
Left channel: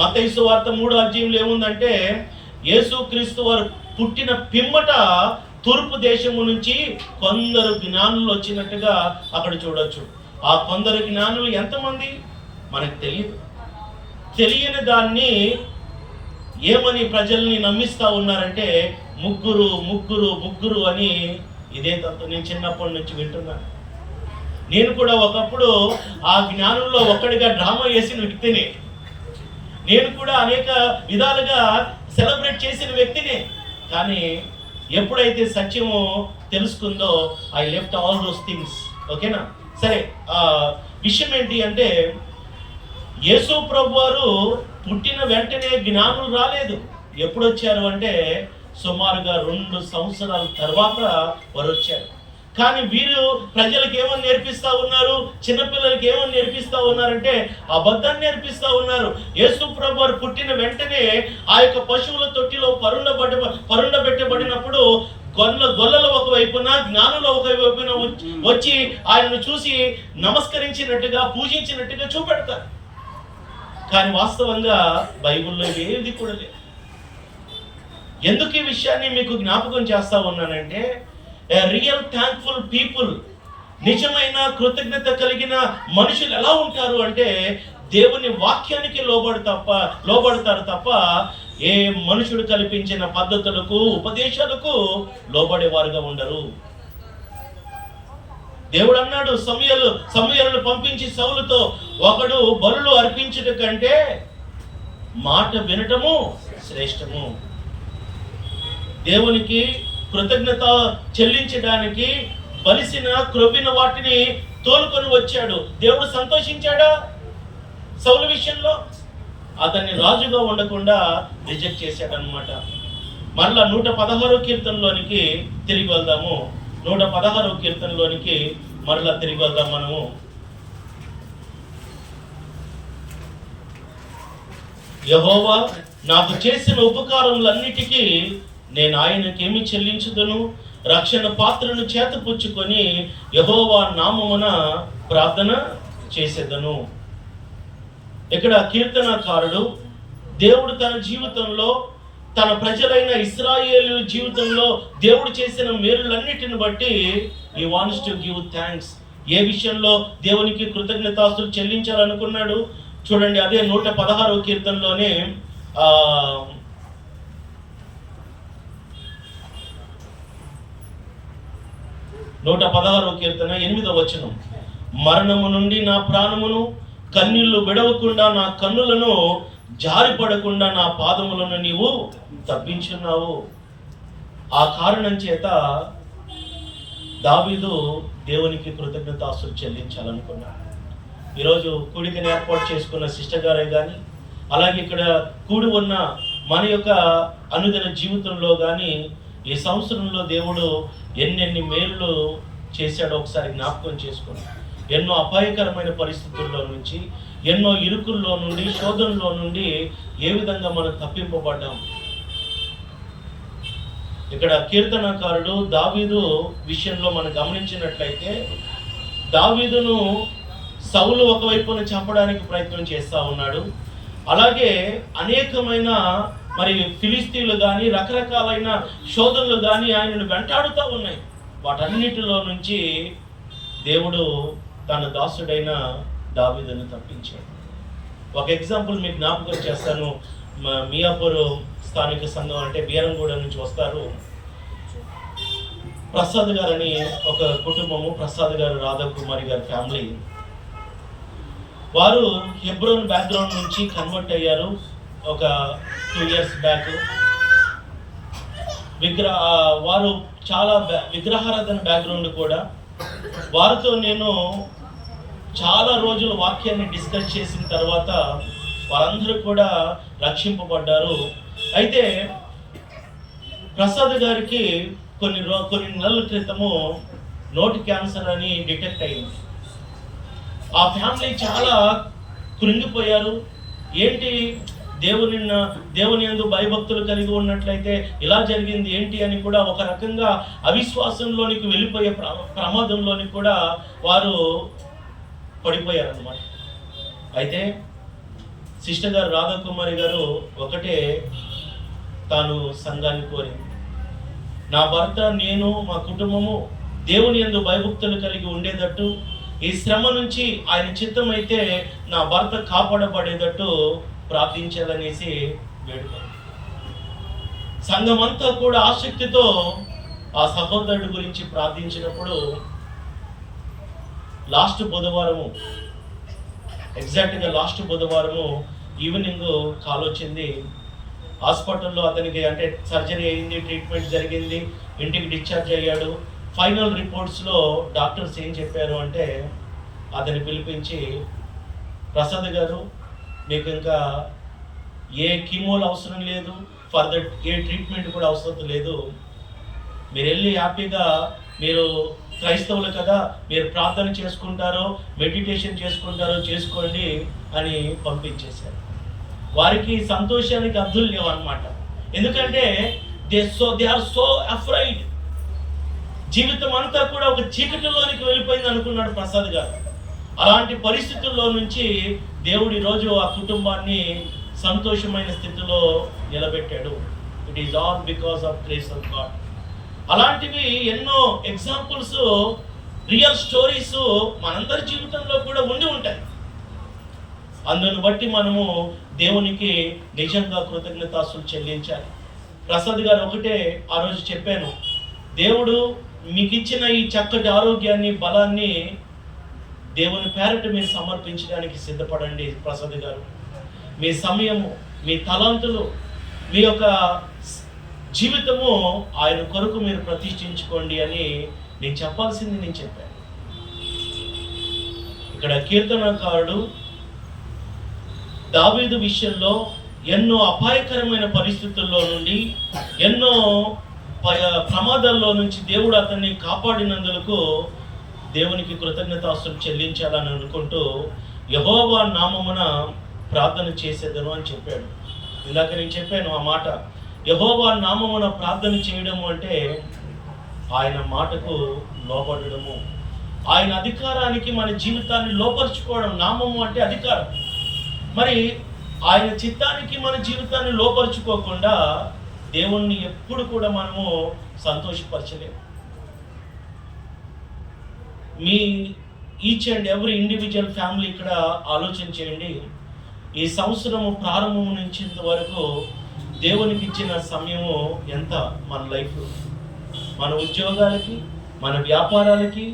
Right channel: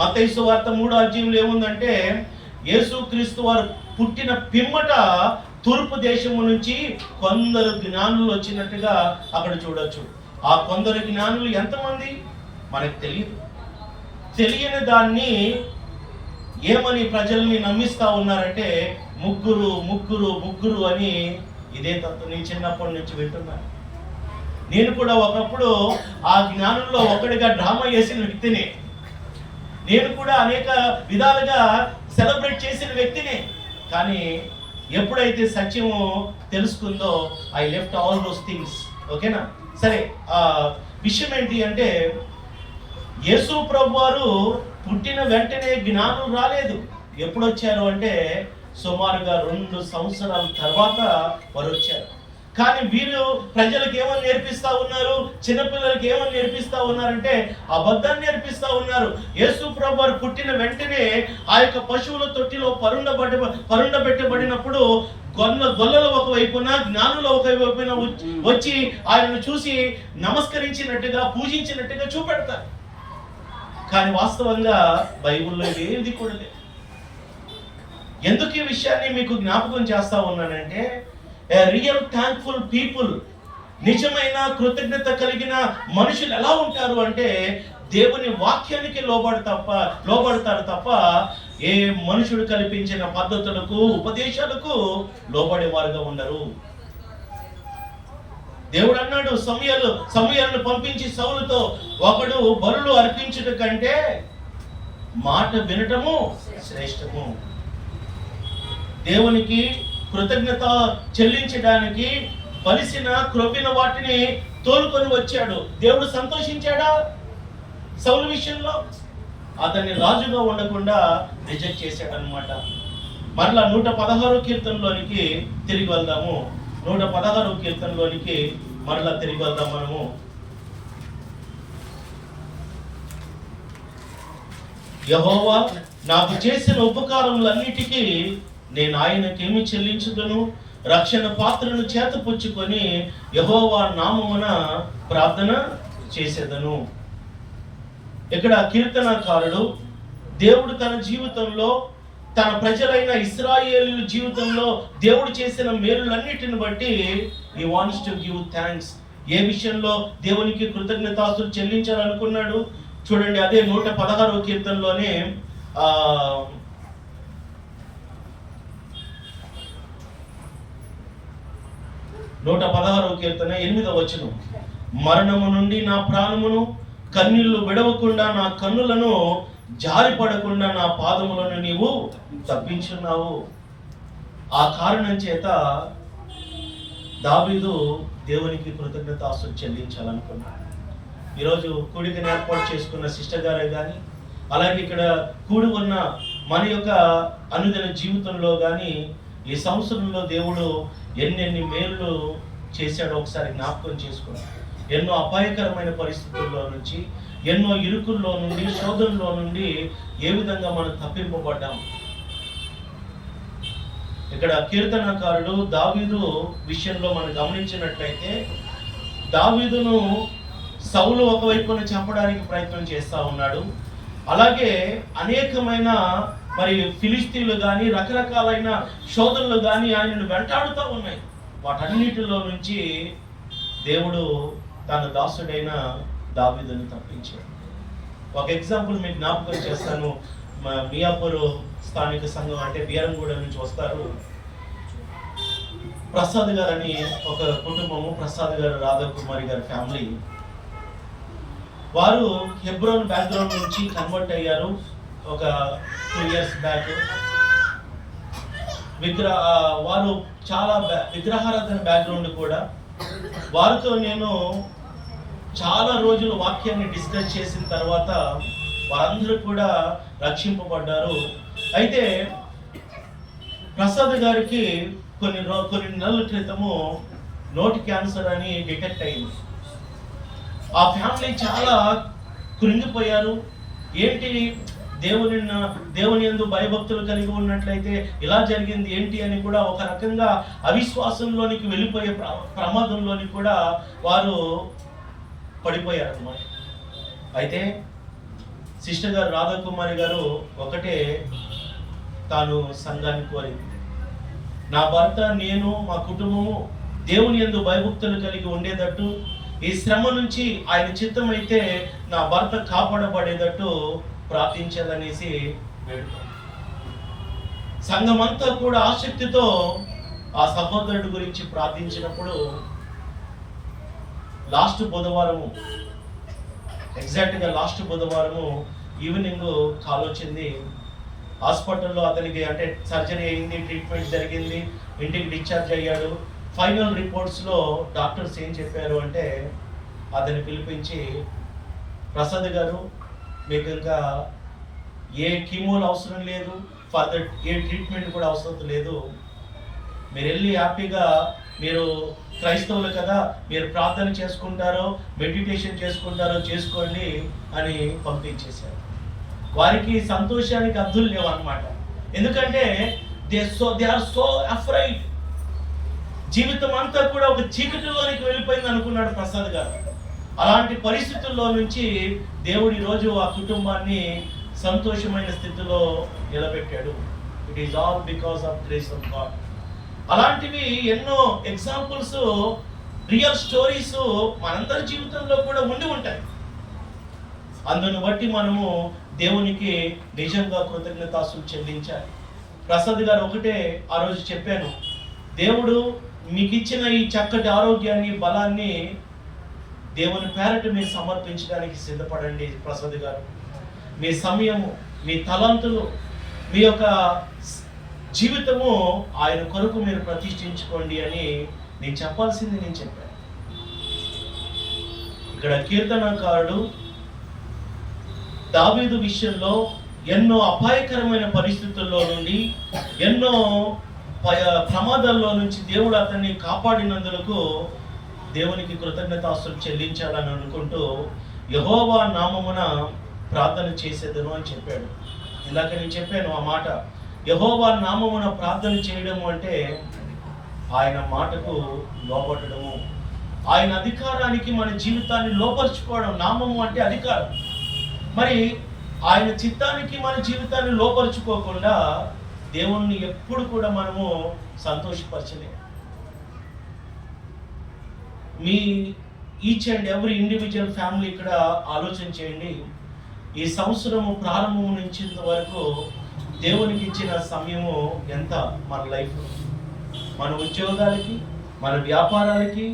మత్తయి సువార్త 3వ అధ్యాయంలో ఏముందంటే యేసు క్రీస్తు వారు పుట్టిన పిమ్మట తూర్పు దేశము నుంచి కొందరు జ్ఞానులు వచ్చినట్టుగా అక్కడ చూడొచ్చు. ఆ కొందరు జ్ఞానులు ఎంతమంది మనకు తెలియదు. తెలియని దాన్ని ఏమని ప్రజల్ని నమ్మిస్తా ఉన్నారంటే ముగ్గురు ముగ్గురు ముగ్గురు అని. ఇదే తత్వం నేను చిన్నప్పటి నుంచి వింటున్నాను. నేను కూడా ఒకప్పుడు ఆ జ్ఞానుల్లో ఒక్కడిగా డ్రామా చేసిన వ్యక్తిని. నేను కూడా అనేక విధాలుగా సెలబ్రేట్ చేసిన వ్యక్తినే. కానీ ఎప్పుడైతే సత్యము తెలుసుకుందో I left all those things. ఓకేనా? సరే, విషయం ఏంటి అంటే యేసు ప్రభు వారు పుట్టిన వెంటనే జ్ఞానులు రాలేదు. ఎప్పుడు వచ్చారు అంటే సుమారుగా 2 సంవత్సరాల తర్వాత వారు వచ్చారు. కానీ వీరు ప్రజలకు ఏమని నేర్పిస్తా ఉన్నారు? చిన్నపిల్లలకి ఏమని నేర్పిస్తా ఉన్నారంటే అబద్ధాన్ని నేర్పిస్తా ఉన్నారు. యేసు ప్రభు వారు పుట్టిన వెంటనే ఆ యొక్క పశువుల తొట్టిలో పరుండబెట్టబడినప్పుడు గొల్లలు ఒకవైపున జ్ఞానులు ఒకవైపున వచ్చి ఆయనను చూసి నమస్కరించినట్టుగా పూజించినట్టుగా చూపెడతారు. కానీ వాస్తవంగా బైబిల్లో ఏది కూడా లేదు. ఎందుకు ఈ విషయాన్ని మీకు జ్ఞాపకం చేస్తా ఉన్నానంటే రియల్ థ్యాంక్ఫుల్ పీపుల్, నిజమైన కృతజ్ఞత కలిగిన మనుషులు ఎలా ఉంటారు అంటే దేవుని వాక్యానికి లోబడతారు తప్ప ఏ మనుషుడు కల్పించిన పద్ధతులకు ఉపదేశాలకు లోబడేవారుగా ఉండరు. దేవుడు అన్నాడు సమూయేలును పంపించి సౌలుతో, ఒకడు బలులు అర్పించుట కంటే మాట వినటము శ్రేష్టము. దేవునికి కృతజ్ఞత చెల్లించడానికి బలిసిన క్రొవ్విన వాటిని తోలుకొని వచ్చాడు. దేవుడు సంతోషించాడా? సౌలు విషయంలో అతన్ని రాజుగా ఉండకుండా రిజెక్ట్ చేశాడనమాట. మరలా 116వ కీర్తనలోనికి తిరిగి వెళ్దాము. 116వ కీర్తనలోనికి మరలా తిరిగి వెళ్దాం మనము. యెహోవా నాకు చేసిన ఉపకారములన్నిటికీ నేను ఆయనకేమి చెల్లించుదును? రక్షణ పాత్రను చేతపుచ్చుకొని యెహోవా నామమున ప్రార్థన చేసేదను. ఇక్కడ కీర్తనకారుడు దేవుడు తన జీవితంలో, తన ప్రజలైన ఇశ్రాయేలు జీవితంలో దేవుడు చేసిన మేలులన్నిటిని బట్టి he wants to give thanks. ఏ విషయంలో దేవునికి కృతజ్ఞతాస్తులు చెల్లించాలనుకున్నాడు చూడండి. అదే 116వ కీర్తనలోనే 116వ కీర్తన 8వ వచనం, మరణము నుండి నా ప్రాణమును, కన్నీళ్లు విడవకుండా నా కన్నులను, జారిపడకుండా నా పాదములను నీవు తప్పించున్నావు. ఆ కారణం చేత దావీదు దేవునికి కృతజ్ఞతాస్తులు చెల్లించాలనుకున్నాడు. ఈరోజు కూడికని ఏర్పాటు చేసుకున్న సిస్టర్ గారే కానీ, అలాగే ఇక్కడ కూడి ఉన్న మన యొక్క అనుదిన జీవితంలో కానీ ఈ సంవత్సరంలో దేవుడు ఎన్నెన్ని మేలు చేశాడో ఒకసారి జ్ఞాపకం చేసుకోండి. ఎన్నో అపాయకరమైన పరిస్థితుల్లో నుంచి, ఎన్నో ఇరుకుల్లో నుండి, శోధనలో నుండి ఏ విధంగా మనం తప్పింపబడ్డాం. ఇక్కడ కీర్తనకారుడు దావీదు విషయంలో మనం గమనించినట్లయితే, దావీదును సౌలు ఒకవైపున చంపడానికి ప్రయత్నం చేస్తూ ఉన్నాడు. అలాగే అనేకమైన మరి ఫిలిస్తీన్లు కానీ రకరకాలైన శోధనలు కానీ ఆయనను వెంటాడుతూ ఉన్నాయి. వాటన్నిటిలో నుంచి దేవుడు తన దాసుడైన దావీదును తప్పించాడు. ఒక ఎగ్జాంపుల్ మీకు జ్ఞాపకం చేస్తాను. మియాపూర్ స్థానిక సంఘం అంటే బీరంగూడ నుంచి వస్తారు. ప్రసాద్ గారు అని ఒక కుటుంబము, ప్రసాద్ గారు, రాధాకుమారి గారి ఫ్యామిలీ. వారు హెబ్రోన్ బ్యాక్గ్రౌండ్ నుంచి కన్వర్ట్ అయ్యారు ఒక 2 years బ్యాక్. వారు చాలా విగ్రహారాధన బ్యాక్గ్రౌండ్ కూడా. వారితో నేను చాలా రోజులు వాక్యాన్ని డిస్కస్ చేసిన తర్వాత వారందరూ కూడా రక్షింపబడ్డారు. అయితే ప్రసాద్ గారికి కొన్ని నెలల క్రితము నోటి క్యాన్సర్ అని డిటెక్ట్ అయింది. ఆ ఫ్యామిలీ చాలా కృంగిపోయారు. ఏంటి, దేవుని యందు భయభక్తులు కలిగి ఉన్నట్లయితే ఇలా జరిగింది ఏంటి అని కూడా ఒక రకంగా అవిశ్వాసంలోనికి వెళ్ళిపోయే ప్రమాదంలోని కూడా వారు పడిపోయారన్నమాట. అయితే సిస్టర్ గారు రాధాకుమారి గారు ఒకటే తాను సంఘాన్ని కోరింది, నా భర్త, నేను, మా కుటుంబము దేవుని యందు భయభక్తులు కలిగి ఉండేటట్టు, ఈ శ్రమ నుంచి ఆయన చిత్తం అయితే నా భర్త కాపాడబడేటట్టు ప్రార్థించాలనేసి వేడుకో. సంఘమంతా కూడా ఆసక్తితో ఆ సహోదరుడి గురించి ప్రార్థించినప్పుడు ఎగ్జాక్ట్గా లాస్ట్ బుధవారము ఈవినింగ్ కాల్ వచ్చింది. హాస్పిటల్లో అతనికి అంటే సర్జరీ అయింది, ట్రీట్మెంట్ జరిగింది, ఇంటికి డిశ్చార్జ్ అయ్యాడు. ఫైనల్ రిపోర్ట్స్లో డాక్టర్స్ ఏం చెప్పారు అంటే, అతన్ని పిలిపించి, ప్రసాద్ గారు, మీకు ఇంకా ఏ కీమోలు అవసరం లేదు, ఫర్దర్ ఏ ట్రీట్మెంట్ కూడా అవసరం లేదు, మీరు వెళ్ళి హ్యాపీగా, మీరు క్రైస్తవులు కదా, మీరు ప్రార్థన చేసుకుంటారో మెడిటేషన్ చేసుకుంటారో చేసుకోండి అని పంపించేశారు. వారికి సంతోషానికి అర్థులు లేవు అన్నమాట. ఎందుకంటే దే ఆర్ సో అఫ్రైడ్. జీవితం అంతా కూడా ఒక చీకటిలోనికి వెళ్ళిపోయింది అనుకున్నాడు ప్రసాద్ గారు. అలాంటి పరిస్థితుల్లో నుంచి దేవుడు ఈరోజు ఆ కుటుంబాన్ని సంతోషమైన స్థితిలో నిలబెట్టాడు. It is all because of grace of God. అలాంటివి ఎన్నో ఎగ్జాంపుల్స్, రియల్ స్టోరీస్ మనందరి జీవితంలో కూడా ఉండి ఉంటాయి. అందును బట్టి మనము దేవునికి నిజంగా కృతజ్ఞతాస్తులు చెల్లించాలి. ప్రసాద్ గారు ఒకటే ఆ రోజు చెప్పాను, దేవుడు మీకు ఇచ్చిన ఈ చక్కటి ఆరోగ్యాన్ని, బలాన్ని దేవుని పేరట మీరు సమర్పించడానికి సిద్ధపడండి. ప్రసాద్ గారు, మీ సమయము, మీ తలాంతులు, మీ యొక్క జీవితము ఆయన కొరకు మీరు ప్రతిష్ఠించుకోండి అని నేను చెప్పాల్సింది నేను చెప్పాను. ఇక్కడ కీర్తనకారుడు దావీదు విషయంలో ఎన్నో అపాయకరమైన పరిస్థితుల్లో నుండి, ఎన్నో ప్రమాదాల్లో నుంచి దేవుడు అతన్ని కాపాడినందుకు దేవునికి కృతజ్ఞతాస్తులు చెల్లించాలని అనుకుంటూ యెహోవా నామమున ప్రార్థన చేసేదను అని చెప్పాడు. ఇందాక నేను చెప్పాను ఆ మాట. యెహోవా నామమున ప్రార్థన చేయడము అంటే ఆయన మాటకు లోబడము, ఆయన అధికారానికి మన జీవితాన్ని లోపరుచుకోవడం. నామము అంటే అధికారం. మరి ఆయన చిత్తానికి మన జీవితాన్ని లోపరుచుకోకుండా దేవుణ్ణి ఎప్పుడు కూడా మనము సంతోషపరచలేము. మీ each and every individual family ఇక్కడ ఆలోచన చేయండి. ఈ సంవత్సరము ప్రారంభం నుంచి ఇంతవరకు దేవునికి ఇచ్చిన సమయము ఎంత? మన లైఫ్, మన ఉద్యోగాలకి, మన వ్యాపారాలకి,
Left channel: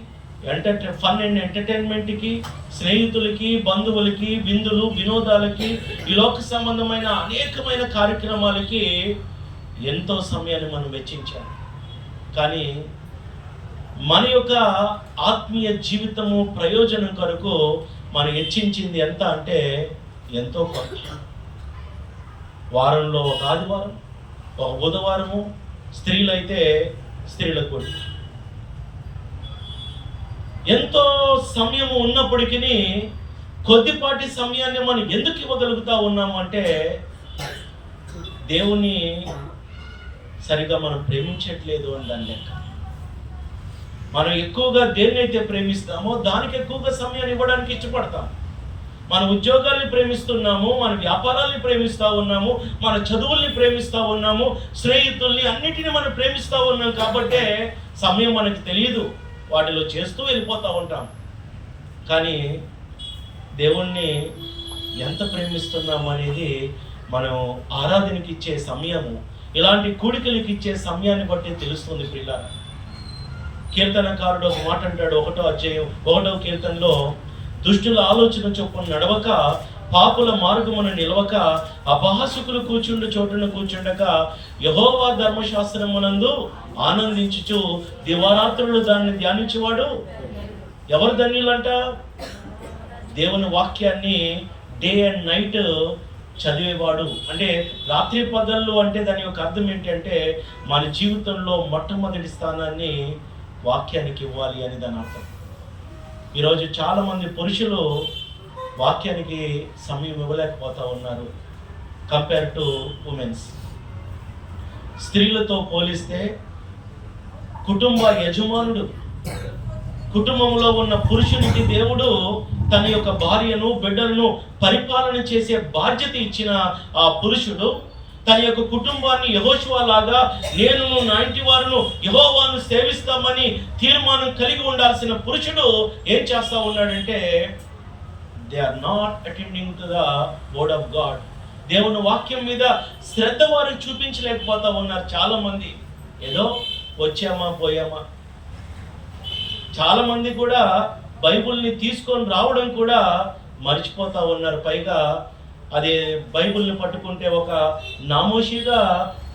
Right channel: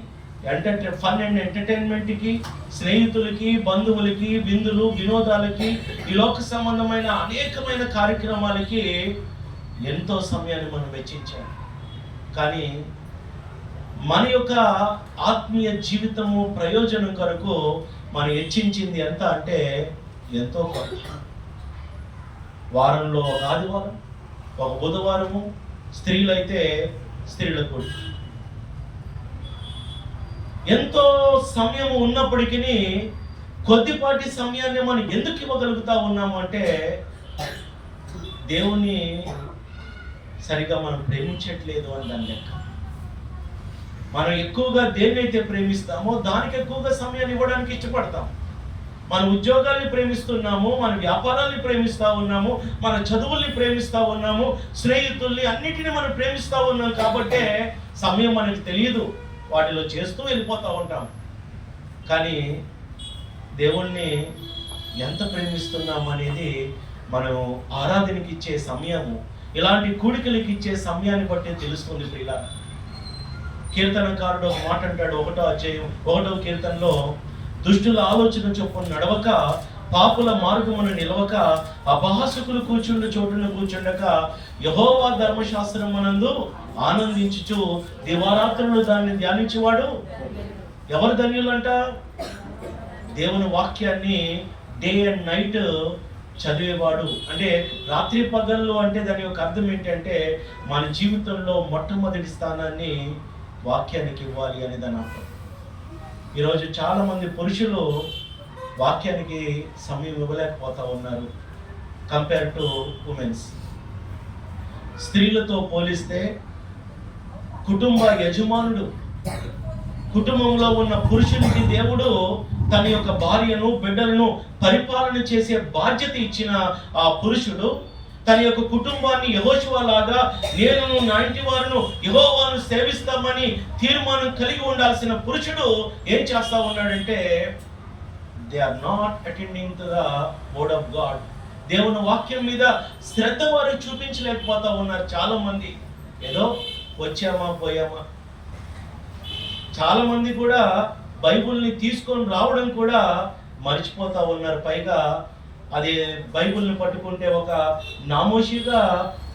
ఫన్ అండ్ ఎంటర్టైన్మెంట్కి, స్నేహితులకి, బంధువులకి, విందులు, వినోదాలకి, ఈ లోక సంబంధమైన అనేకమైన కార్యక్రమాలకి ఎంతో సమయాన్ని మనం వెచ్చించాం. కానీ మన యొక్క ఆత్మీయ జీవితము ప్రయోజనం కొరకు మనం హెచ్చించింది ఎంత అంటే ఎంతో కొంత. వారంలో ఒక ఆదివారం, ఒక బుధవారము, స్త్రీలైతే స్త్రీల కూడి ఎంతో సమయము ఉన్నప్పటికీ కొద్దిపాటి సమయాన్ని మనం ఎందుకు ఇవ్వగలుగుతా ఉన్నాము అంటే దేవుణ్ణి సరిగా మనం ప్రేమించట్లేదు అని దాని లెక్క. మనం ఎక్కువగా దేన్నైతే ప్రేమిస్తామో దానికి ఎక్కువగా సమయాన్ని ఇవ్వడానికి ఇష్టపడతాం. మన ఉద్యోగాల్ని ప్రేమిస్తున్నాము, మన వ్యాపారాల్ని ప్రేమిస్తూ ఉన్నాము, మన చదువుల్ని ప్రేమిస్తూ ఉన్నాము, స్నేహితుల్ని, అన్నిటిని మనం ప్రేమిస్తూ ఉన్నాం. కాబట్టే సమయం మనకి తెలియదు, వాటిలో చేస్తూ వెళ్ళిపోతూ ఉంటాం. కానీ దేవుణ్ణి ఎంత ప్రేమిస్తున్నాము అనేది మనం ఆరాధనకి ఇచ్చే సమయము, ఇలాంటి కూడికలకి ఇచ్చే సమయాన్ని బట్టి తెలుస్తుంది ప్రియులారా. కీర్తనకారుడు ఒక మాట అంటాడు, 1వ అధ్యాయం 1వ కీర్తనలో, దుష్టుల ఆలోచన చొప్పున నడవక, పాపుల మార్గమును నిలవక, అపహాసకులు కూర్చుండు చోటును కూర్చుండక, యెహోవా ధర్మశాస్త్రమునందు ఆనందించుచు దివారాత్రులు దాన్ని ధ్యానించేవాడు ఎవరు ధన్యులంట? దేవుని వాక్యాన్ని డే అండ్ నైట్ చదివేవాడు. అంటే రాత్రి పగళ్ళు అంటే దాని యొక్క అర్థం ఏంటంటే మన జీవితంలో మొట్టమొదటి స్థానాన్ని వాక్యానికి ఇవ్వాలి అని దాని అర్థం. ఈరోజు చాలామంది పురుషులు వాక్యానికి సమయం ఇవ్వలేకపోతూ ఉన్నారు కంపేర్ టు ఉమెన్స్. స్త్రీలతో పోలిస్తే కుటుంబ యజమానుడు, కుటుంబంలో ఉన్న పురుషునికి దేవుడు తన యొక్క భార్యను, బిడ్డలను పరిపాలన చేసే బాధ్యత ఇచ్చిన ఆ పురుషుడు తన యొక్క కుటుంబాన్ని యెహోషువ లాగా, నేను నా ఇంటి వారును యెహోవాను సేవిస్తామని తీర్మానం కలిగి ఉండాల్సిన పురుషుడు ఏం చేస్తా ఉన్నాడంటే they are not attending to the word of God. దేవుని వాక్యం మీద శ్రద్ధ వారు చూపించలేకపోతా ఉన్నారు. చాలా మంది ఏదో వచ్చామా పోయామా. చాలా మంది కూడా బైబుల్ని తీసుకొని రావడం కూడా మర్చిపోతా ఉన్నారు. పైగా అది బైబుల్ని పట్టుకుంటే ఒక నామోషిగా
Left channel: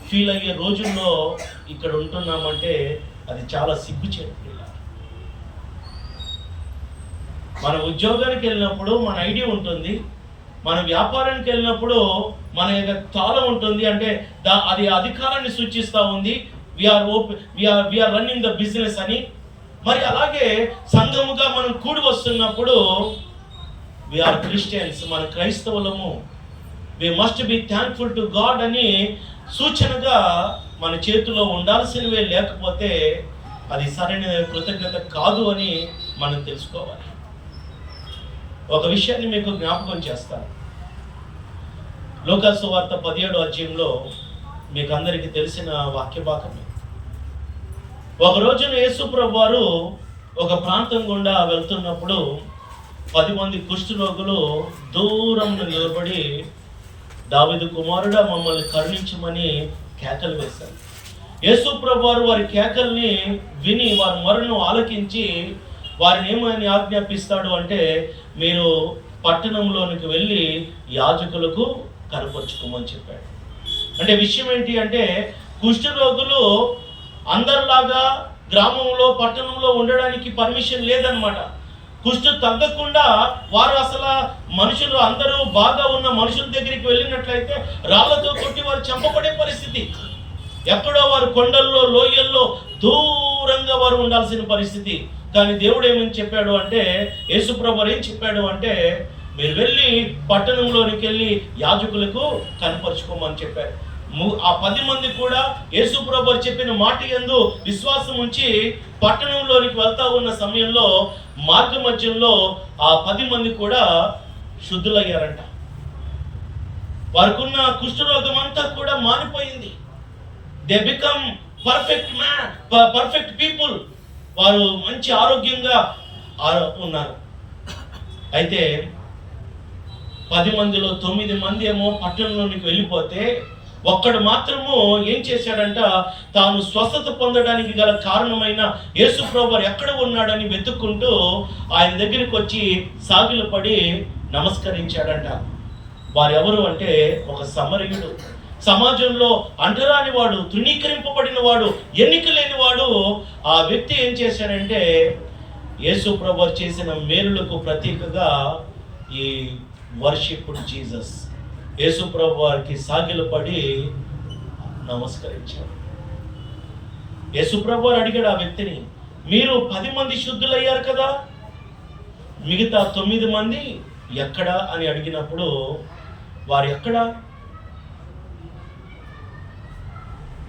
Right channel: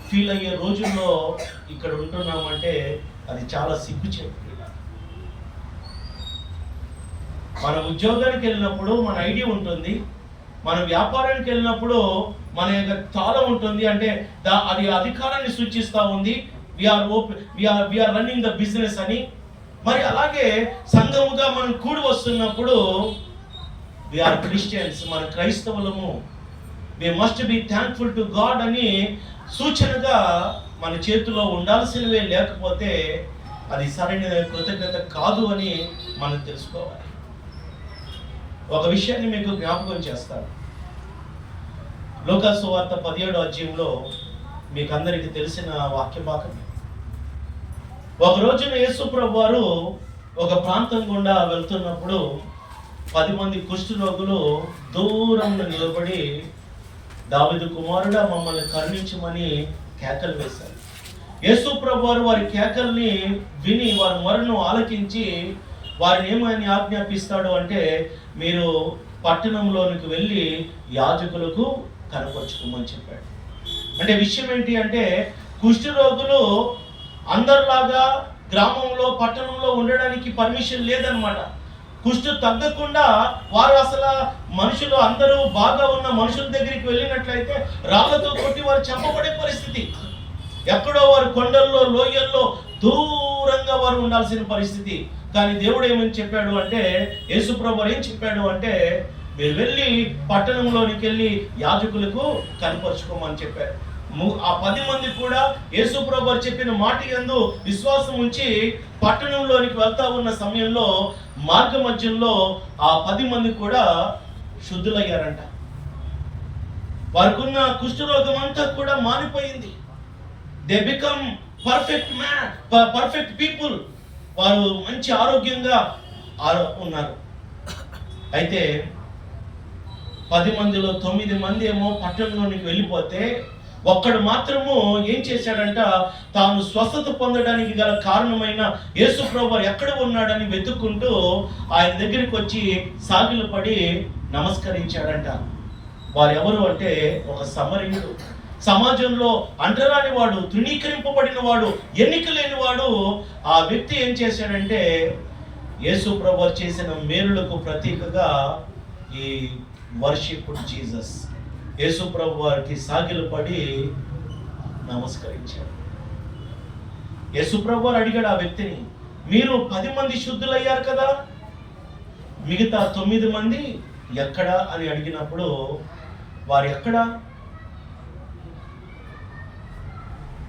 ఫీల్ అయ్యే రోజుల్లో ఇక్కడ ఉంటున్నామంటే అది చాలా సిగ్గుచేటు. మన ఉద్యోగానికి వెళ్ళినప్పుడు మన ఐడి ఉంటుంది, మన వ్యాపారానికి వెళ్ళినప్పుడు మన యొక్క తాళం ఉంటుంది. అంటే అది అధికారాన్ని సూచిస్తూ ఉంది. వీఆర్ రన్నింగ్ ద బిజినెస్ అని. మరి అలాగే సంఘముగా మనం కూడి వస్తున్నప్పుడు వీఆర్ క్రిస్టియన్స్, మన క్రైస్తవులము, we must be thankful to God అని సూచనగా మన చేతిలో ఉండాల్సినవే, లేకపోతే అది సరైన కృతజ్ఞత కాదు అని మనం తెలుసుకోవాలి. ఒక విషయాన్ని మీకు జ్ఞాపకం చేస్తాను. లూకా సువార్త 17వ అధ్యాయంలో మీకు అందరికీ తెలిసిన వాక్య భాగమే. ఒక రోజున యేసు ప్రభువు వారు ఒక ప్రాంతం గుండా వెళ్తున్నప్పుడు 10 మంది కుష్ఠరోగులు దూరం నిలబడి, దావీదు కుమారుడా మమ్మల్ని కరుణించమని కేకలు వేశారు. యేసు ప్రభువు వారు వారి కేకల్ని విని వారి మొరను ఆలకించి వారిని ఏమని ఆజ్ఞాపిస్తాడు అంటే, మీరు పట్టణంలోనికి వెళ్ళి యాజకులకు కనపరుచుకోమని చెప్పాడు. అంటే విషయం ఏంటి అంటే, కుష్ఠరోగులు అందరిలాగా గ్రామంలో పట్టణంలో ఉండడానికి పర్మిషన్ లేదనమాట. కుష్ఠు తగ్గకుండా వారు అసలు మనుషులు అందరూ బాగా ఉన్న మనుషుల దగ్గరికి వెళ్ళినట్లయితే రాళ్లతో కొట్టి వారు చంపబడే పరిస్థితి. ఎక్కడో వారు కొండల్లో, లోయల్లో దూరంగా వారు ఉండాల్సిన పరిస్థితి. కానీ దేవుడు ఏమని చెప్పాడు అంటే, యేసుప్రభు ఏం చెప్పాడు అంటే, మీరు వెళ్ళి పట్టణంలోనికి వెళ్ళి యాజకులకు కనపరుచుకోమని చెప్పారు. ఆ 10 మంది కూడా యేసు ప్రభువు చెప్పిన మాట యందు విశ్వాసం ఉంచి పట్టణంలోనికి వెళ్తా ఉన్న సమయంలో మార్గ మధ్యంలో ఆ 10 మంది కూడా శుద్ధులయ్యారంట. వారికి ఉన్న కుష్ఠరోగం అంతా కూడా మానిపోయింది. They become perfect people. వారు మంచి ఆరోగ్యంగా ఉన్నారు. అయితే 10 మందిలో 9 మంది ఏమో పట్టణంలోనికి వెళ్ళిపోతే ఒక్కడు మాత్రము ఏం చేశాడంట, తాను స్వస్థత పొందడానికి గల కారణమైన యేసు ప్రభువు ఎక్కడ ఉన్నాడని వెతుక్కుంటూ ఆయన దగ్గరికి వచ్చి సాగిలపడి నమస్కరించాడంట. వారు ఎవరు అంటే ఒక సమరయుడు. సమాజంలో అంటరాని వాడు, తృణీకరింపబడిన వాడు, ఎన్నిక లేని వాడు. ఆ వ్యక్తి ఏం చేశాడంటే యేసు ప్రభువు చేసిన మేలులకు ప్రతీకగా ఈ వర్షిప్ జీసస్, యేసు ప్రభువు వారికి సాగిలపడి నమస్కరించాడు. యేసు ప్రభువు అడిగాడు ఆ వ్యక్తిని, మీరు 10 మంది శుద్ధులయ్యారు కదా, మిగతా 9 మంది ఎక్కడా అని అడిగినప్పుడు వారు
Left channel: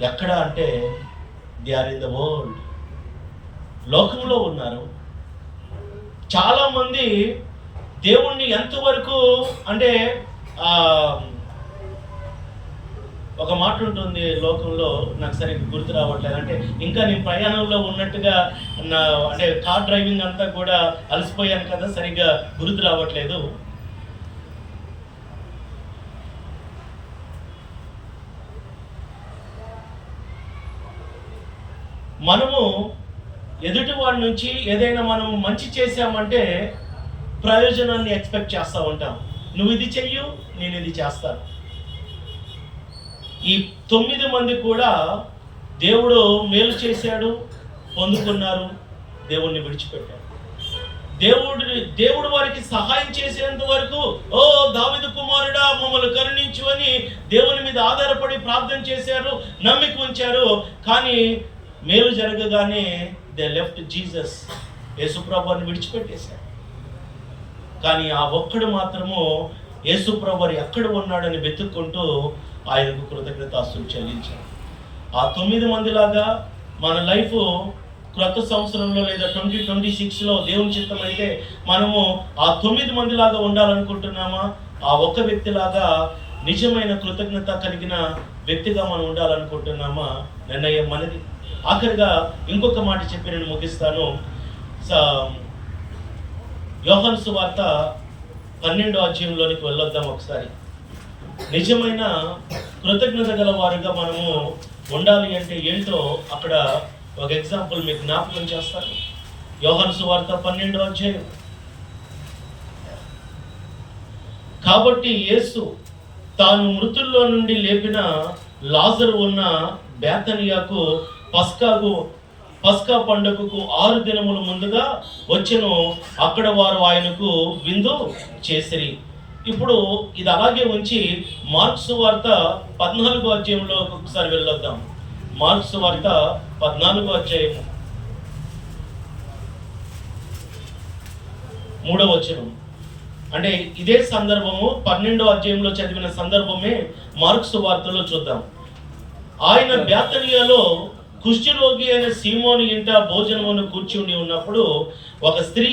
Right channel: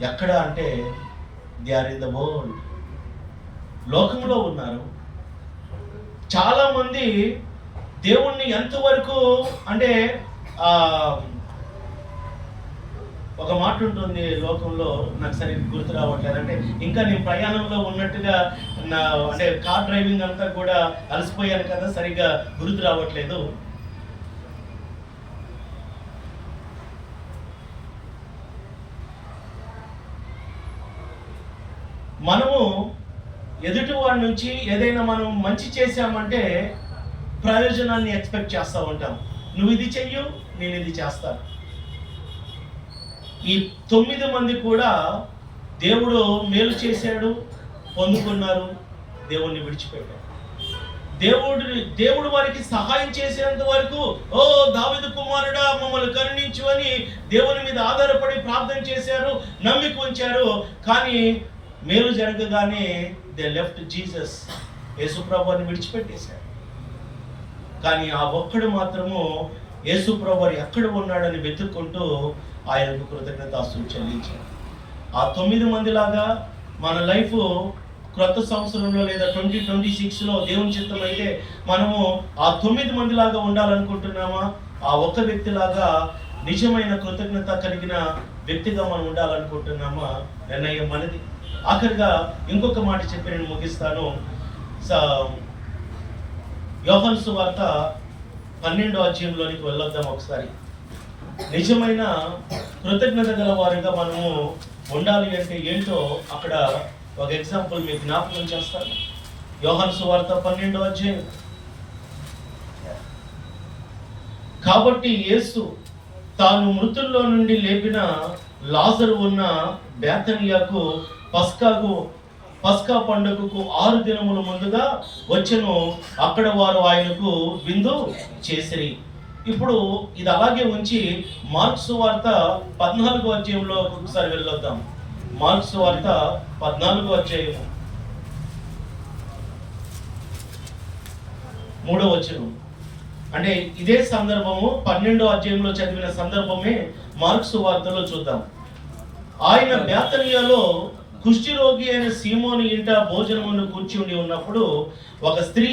ఎక్కడ అంటే they are in the world, లోకంలో ఉన్నారు. చాలామంది దేవుణ్ణి ఎంతవరకు అంటే ఒక మాట ఉంటుంది లోకంలో, నాకు సరిగ్గా గుర్తు రావట్లేదు. అంటే ఇంకా నేను ప్రయాణంలో ఉన్నట్టుగా అంటే కార్ డ్రైవింగ్ అంతా కూడా అలసిపోయాను కదా, సరిగ్గా గుర్తు రావట్లేదు. మనము ఎదుటి వాడి నుంచి ఏదైనా మనం మంచి చేశామంటే ప్రయోజనాన్ని ఎక్స్పెక్ట్ చేస్తూ ఉంటాం. నువ్వు ఇది చెయ్యు, నేను ఇది చేస్తాను. ఈ 9 మంది కూడా దేవుడు మేలు చేశాడు, పొందుకున్నారు, దేవుణ్ణి విడిచిపెట్టారు. దేవుడు వారికి సహాయం చేసేంత వరకు, ఓ దావీదు కుమారుడా మమ్మల్ని కరుణించు అని దేవుని మీద ఆధారపడి ప్రార్థన చేశారు, నమ్మిక ఉంచారు. కానీ మేలు జరగగానే దే లెఫ్ట్ జీసస్, యేసు ప్రభువుని విడిచిపెట్టేశారు. కానీ ఆ ఒక్కడు మాత్రము యేసు ప్రభువు ఎక్కడ ఉన్నాడని వెతుక్కుంటూ ఆయనకు కృతజ్ఞతాస్తులు చెల్లించాడు. ఆ 9 మందిలాగా మన లైఫ్ క్రొత్త సంవత్సరంలో లేదా 2026లో దేవుని చిత్తం అయితే మనము ఆ 9 మందిలాగా ఉండాలనుకుంటున్నామా? ఆ ఒక్క వ్యక్తిలాగా నిజమైన కృతజ్ఞత కలిగిన వ్యక్తిగా మనం ఉండాలనుకుంటున్నామా? నిర్ణయం మనది. ఆఖరిగా ఇంకొక మాట చెప్పి నేను ముగిస్తాను. యోహాను సువార్త 12వ అధ్యాయంలోనికి వెళ్ళొద్దాం ఒకసారి. నిజమైన కృతజ్ఞత గల వారిగా మనము ఉండాలి అంటే ఏంటో అక్కడ ఒక ఎగ్జాంపుల్ మీకు జ్ఞాపకం చేస్తాను. యోహాను సువార్త 12వ అధ్యాయం. కాబట్టి యేసు తాను మృతుల్లో నుండి లేపిన లాజరు ఉన్న బేతనియాకు పస్కా పండుగకు 6 దినముల ముందుగా వచ్చెను. అక్కడ వారు ఆయనకు విందు చేసిరి. ఇప్పుడు ఇది అలాగే ఉంచి మార్క్స్ వార్త 14వ అధ్యాయంలో ఒకసారి వెళ్ళొద్దాం. మార్క్స్ వార్త 14వ అధ్యాయము 3వ వచనం. అంటే ఇదే సందర్భము 12వ అధ్యాయంలో చదివిన సందర్భమే మార్క్స్ వార్తలో చూద్దాం. ఆయన బేతనియాలో కుష్ఠరోగి అయిన సీమోను ఇంట భోజనమును కూర్చుండి ఉన్నప్పుడు ఒక స్త్రీ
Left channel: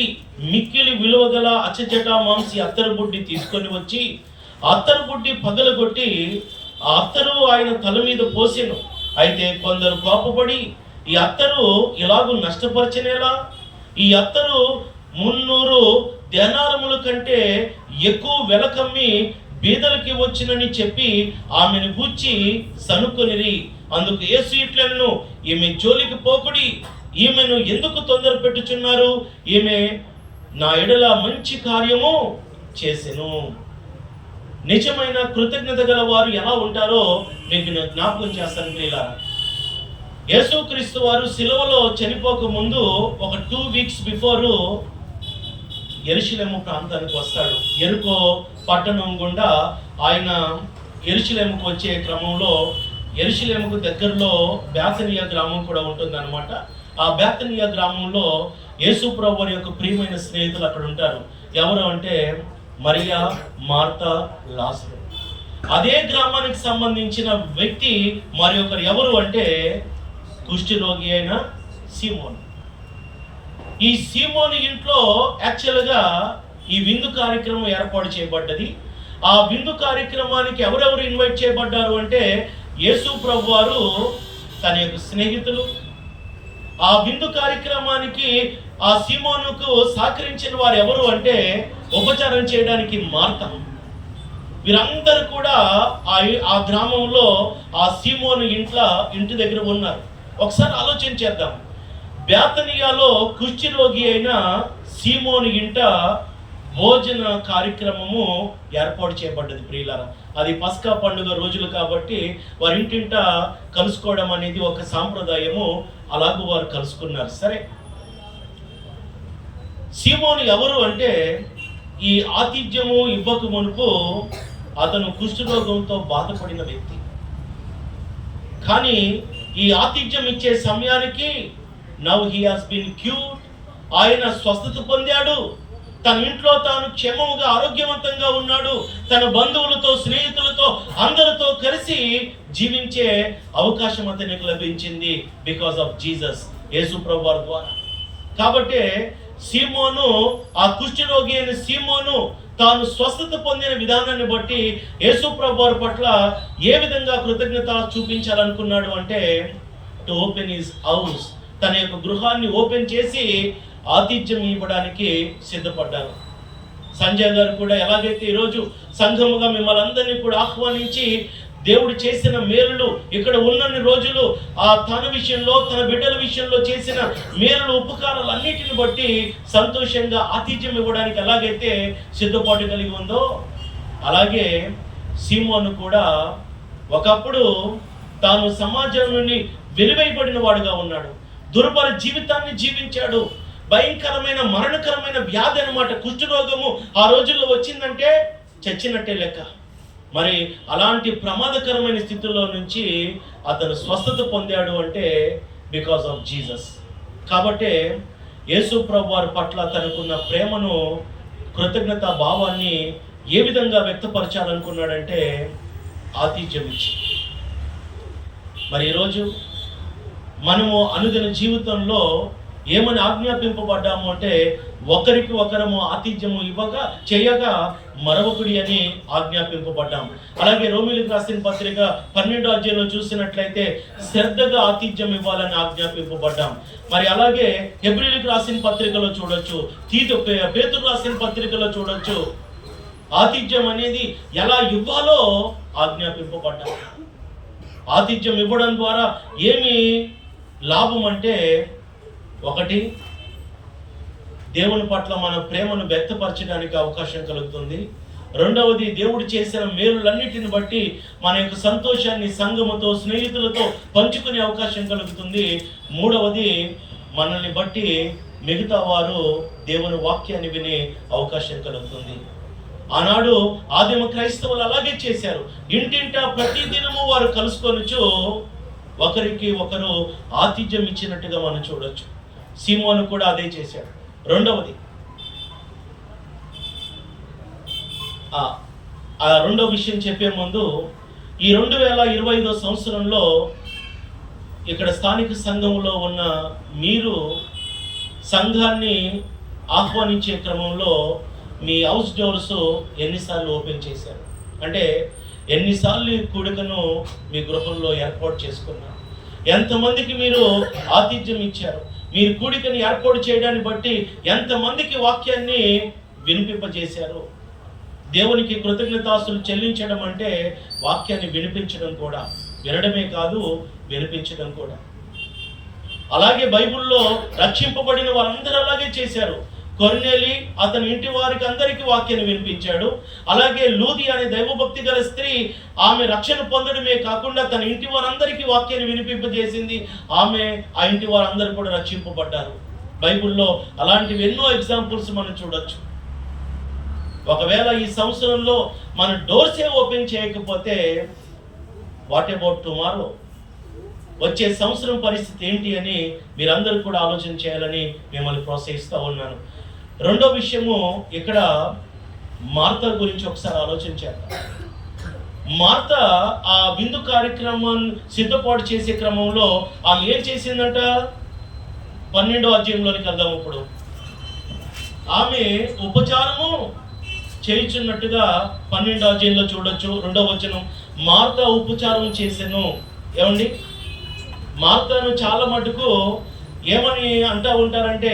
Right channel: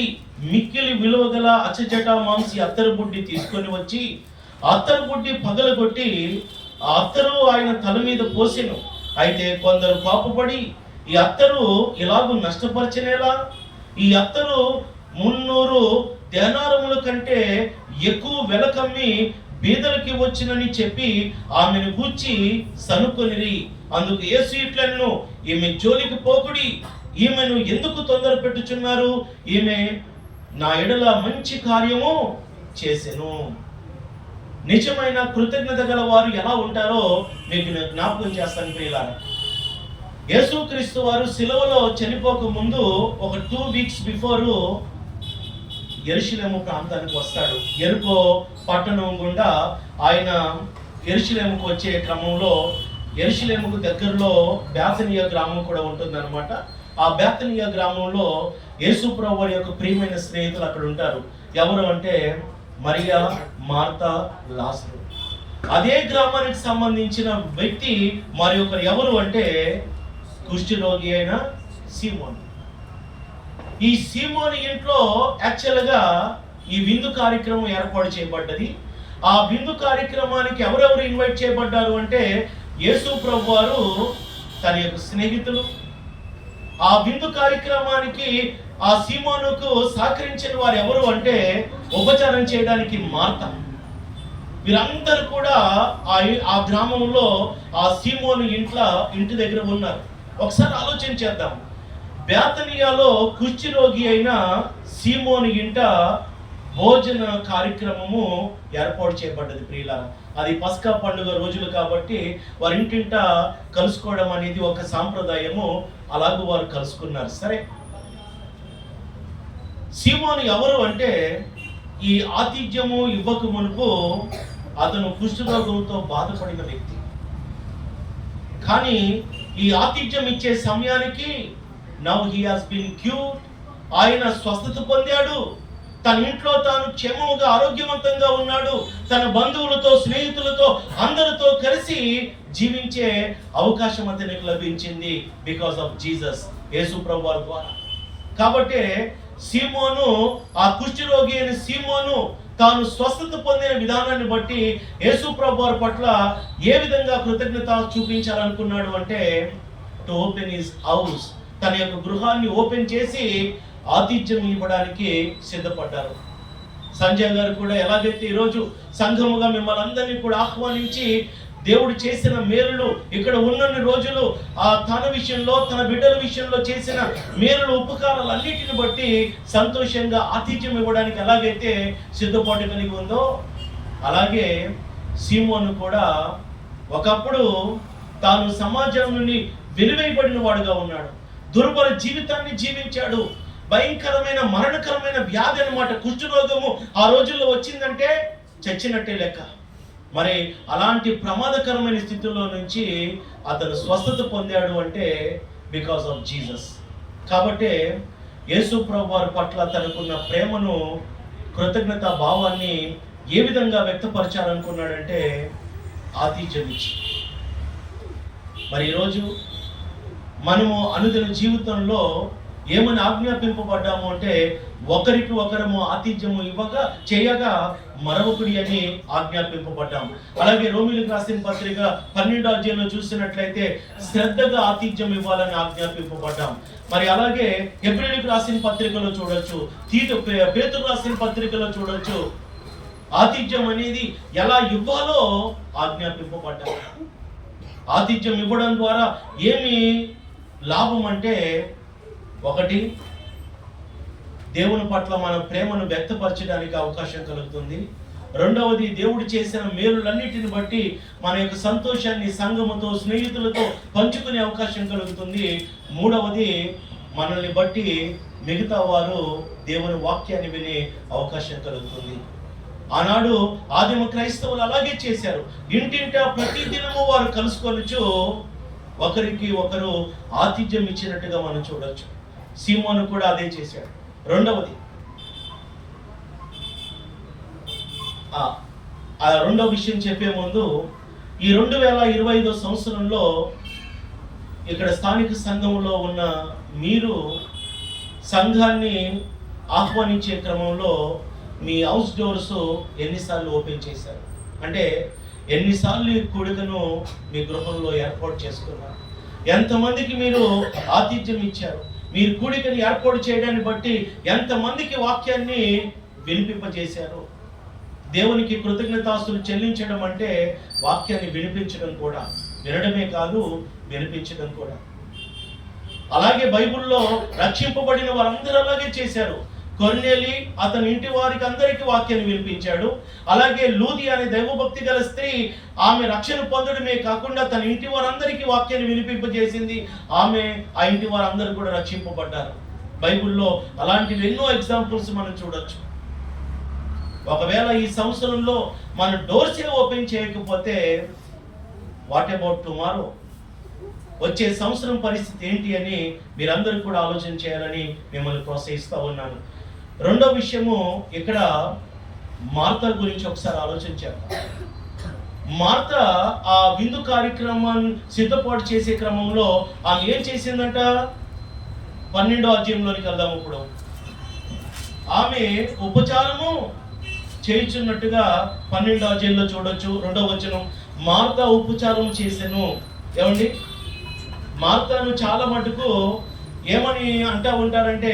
మిక్కిలి విలువగల అచ్చజట మాంసి అత్తరు బుడ్డి తీసుకొని వచ్చి అత్తరు బుడ్డి పగలగొట్టి ఆ అత్తరు ఆయన తల మీద పోసెను. అయితే కొందరు కోపపడి, ఈ అత్తరు ఇలాగూ నష్టపరచనేలా? ఈ అత్తరు 300 దేనారముల కంటే ఎక్కువ వెల కమ్మి బీదలకి వచ్చినని చెప్పి ఆమెను గూర్చి సనుకొనిరి. అందుకు యేసు ఇట్లను, ఈమె జోలికి పోకుడి, ఈమెను ఎందుకు తొందర పెట్టుచున్నారు? ఈమె నా ఎడల మంచి కార్యము చేసెను. నిజమైన కృతజ్ఞత గల వారు ఎలా ఉంటారో మీకు నేను జ్ఞాపకం చేస్తాను ప్రియులారా. యేసుక్రీస్తు వారు సిలువలో చనిపోక ముందు ఒక 2 వీక్స్ బిఫోరు యెరూషలేము ప్రాంతానికి వస్తాడు. యెరికో పట్టణం గుండా ఆయన యెరూషలేముకు వచ్చే క్రమంలో యెరూషలేముకు దగ్గరలో బేతనియా గ్రామం కూడా ఉంటుందన్నమాట. ఆ బేతనియా గ్రామంలో యేసు ప్రభువు యొక్క ప్రియమైన స్నేహితులు అక్కడ ఉంటారు. ఎవరు అంటే మరియా, మార్తా, లాజరు. అదే గ్రామానికి సంబంధించిన వ్యక్తి మరి ఒకరు ఎవరు అంటే కుష్ఠరోగి అయిన సీమోను. ఈ సీమోను ఇంట్లో యాక్చువల్గా ఈ విందు కార్యక్రమం ఏర్పాటు చేయబడ్డది. ఆ విందు కార్యక్రమానికి ఎవరెవరు ఇన్వైట్ చేయబడ్డారు అంటే యేసు ప్రభు వారు, తన యొక్క స్నేహితులు. ఆ విందు కార్యక్రమానికి ఆ సీమోనుకు సహకరించిన వారు ఎవరు అంటే ఉపచారం చేయడానికి మార్త. వీరందరూ కూడా ఆ గ్రామంలో ఆ సీమోను ఇంటి దగ్గర ఉన్నారు. ఒకసారి ఆలోచన చేద్దాం. బేతనియాలో కుష్ఠరోగి అయిన సీమోను ఇంట భోజన కార్యక్రమము ఏర్పాటు చేయబడ్డది ప్రియులారా. అది పస్కా పండుగ రోజులు కాబట్టి వారి ఇంటింట కలుసుకోవడం అనేది ఒక సాంప్రదాయము. అలాగూ వారు కలుసుకున్నారు. సరే, సీమోను ఎవరు అంటే ఈ ఆతిథ్యము ఇవ్వక మునుపు అతను కుష్ఠరోగంతో బాధపడిన వ్యక్తి. కానీ ఈ ఆతిథ్యం ఇచ్చే సమయానికి now he has been cured, ఆయన స్వస్థత పొందాడు. తన ఇంట్లో తాను క్షేమముగా ఆరోగ్యవంతంగా ఉన్నాడు. తన బంధువులతో, స్నేహితులతో, అందరితో కలిసి జీవించే అవకాశం అతనికి లభించింది బికాస్ ఆఫ్ జీసస్, యేసు ప్రభు వారి ద్వారా. కాబట్టి సీమోను, ఆ కుష్ఠరోగి అయిన సీమోను తాను స్వస్థత పొందిన విధానాన్ని బట్టి యేసు ప్రభు వారి పట్ల ఏ విధంగా కృతజ్ఞత చూపించాలనుకున్నాడు అంటే టు ఓపెన్ హిస్ హౌస్, తన యొక్క గృహాన్ని ఓపెన్ చేసి ఆతిథ్యం ఇవ్వడానికి సిద్ధపడ్డారు. సంజయ్ గారు కూడా ఎలాగైతే ఈరోజు సంఘముగా మిమ్మల్ని అందరినీ కూడా ఆహ్వానించి దేవుడు చేసిన మేలులు, ఇక్కడ ఉన్నన్ని రోజులు తన విషయంలో, తన బిడ్డల విషయంలో చేసిన మేలులు, ఉపకారాలు అన్నిటిని బట్టి సంతోషంగా ఆతిథ్యం ఇవ్వడానికి ఎలాగైతే సిద్ధపాటు కలిగి ఉందో, అలాగే సీమోను కూడా ఒకప్పుడు తాను సమాజం నుండి వెలివేయబడిన వాడుగా ఉన్నాడు. దుర్భర జీవితాన్ని జీవించాడు. భయంకరమైన మరణకరమైన వ్యాధి అన్నమాట. కుష్ఠరోగము ఆ రోజుల్లో వచ్చిందంటే చచ్చినట్టే లెక్క. మరి అలాంటి ప్రమాదకరమైన స్థితిలో నుంచి అతను స్వస్థత పొందాడు అంటే బికాస్ ఆఫ్ జీసస్. కాబట్టి యేసు ప్రభు వారి పట్ల తనకున్న ప్రేమను, కృతజ్ఞత భావాన్ని ఏ విధంగా వ్యక్తపరచాలనుకున్నాడంటే ఆతిథ్యం ఇచ్చి. మరి ఈరోజు మనము అనుదిన జీవితంలో ఏమని ఆజ్ఞాపింపబడ్డాము అంటే ఒకరికి ఒకరము ఆతిథ్యము చేయగా మరొకడి అని ఆజ్ఞాపింపబడ్డాము. అలాగే రోమీయులకు రాసిన పత్రిక 12వ అధ్యాయంలో చూసినట్లయితే శ్రద్ధగా ఆతిథ్యం ఇవ్వాలని ఆజ్ఞాపింపబడ్డాం. మరి అలాగే హెబ్రీయులకు రాసిన పత్రికలో చూడొచ్చు, పేతురు రాసిన పత్రికలో చూడొచ్చు, ఆతిథ్యం అనేది ఎలా ఇవ్వాలో ఆజ్ఞాపింపబడ్డాం. ఆతిథ్యం ఇవ్వడం ద్వారా ఏమి లాభం అంటే, ఒకటి, దేవుని పట్ల మన ప్రేమను వ్యక్తపరచడానికి అవకాశం కలుగుతుంది. రెండవది, దేవుడు చేసిన మేలులన్నిటిని బట్టి మన యొక్క సంతోషాన్ని సంఘముతో, స్నేహితులతో పంచుకునే అవకాశం కలుగుతుంది. మూడవది, మనల్ని బట్టి మిగతా వారు దేవుని వాక్యాన్ని వినే అవకాశం కలుగుతుంది. ఆనాడు ఆదిమ క్రైస్తవులు అలాగే చేశారు. ఇంటింటా ప్రతి దినము వారు కలుసుకొనుచు ఒకరికి ఒకరు ఆతిథ్యం ఇచ్చినట్టుగా మనం చూడొచ్చు. సీమోను కూడా అదే చేశాడు. రెండవది, రెండవ విషయం చెప్పే ముందు, ఈ 2025 సంవత్సరంలో ఇక్కడ స్థానిక సంఘంలో ఉన్న మీరు సంఘాన్ని ఆహ్వానించే క్రమంలో మీ హౌస్ డోర్స్ ఎన్నిసార్లు ఓపెన్ చేశారు? అంటే ఎన్నిసార్లు కూడికను మీ గృహంలో ఏర్పాటు చేసుకున్నారు? ఎంతమందికి మీరు ఆతిథ్యం ఇచ్చారు? మీరు కూడికని ఏర్పాటు చేయడాన్ని బట్టి ఎంతమందికి వాక్యాన్ని వినిపింపజేశారు? దేవునికి కృతజ్ఞతాస్తులు చెల్లించడం అంటే వాక్యాన్ని వినిపించడం కూడా, వినడమే కాదు వినిపించడం కూడా. అలాగే బైబిల్లో రక్షింపబడిన వారందరూ అలాగే చేశారు. కొర్నేలి అతని ఇంటి వారికి అందరికీ వాక్యాన్ని వినిపించాడు. అలాగే లూది అనే దైవభక్తి గల స్త్రీ, ఆమె రక్షణ పొందడమే కాకుండా తన ఇంటి వారందరికీ వాక్యాన్ని వినిపింపజేసింది. ఆమె, ఆ ఇంటి వారందరూ కూడా రక్షింపబడ్డారు. బైబిల్లో అలాంటివి ఎన్నో ఎగ్జాంపుల్స్ మనం చూడొచ్చు. ఒకవేళ ఈ సంవత్సరంలో మన డోర్సే ఓపెన్ చేయకపోతే వాట్ అబౌట్ టుమారో? వచ్చే సంవత్సరం పరిస్థితి ఏంటి అని మీరందరూ కూడా ఆలోచన చేయాలని మిమ్మల్ని ప్రోత్సహిస్తూ ఉన్నాను. రెండో విషయము, ఇక్కడ మార్త గురించి ఒకసారి ఆలోచన చేద్దాం. మార్త ఆ విందు కార్యక్రమాన్ని సిద్ధపాటు చేసే క్రమంలో ఆమె ఏం చేసిందంట? 12వ అధ్యాయంలోనికి వెళ్దాం. ఇప్పుడు ఆమె ఉపచారము చేయుచున్నట్టుగా 12వ అధ్యాయంలో చూడొచ్చు. 2వ వచనం, మార్త ఉపచారం చేసెను. ఏమండి, మార్తను చాలా మటుకు ఏమని అంటూ ఉంటారంటే,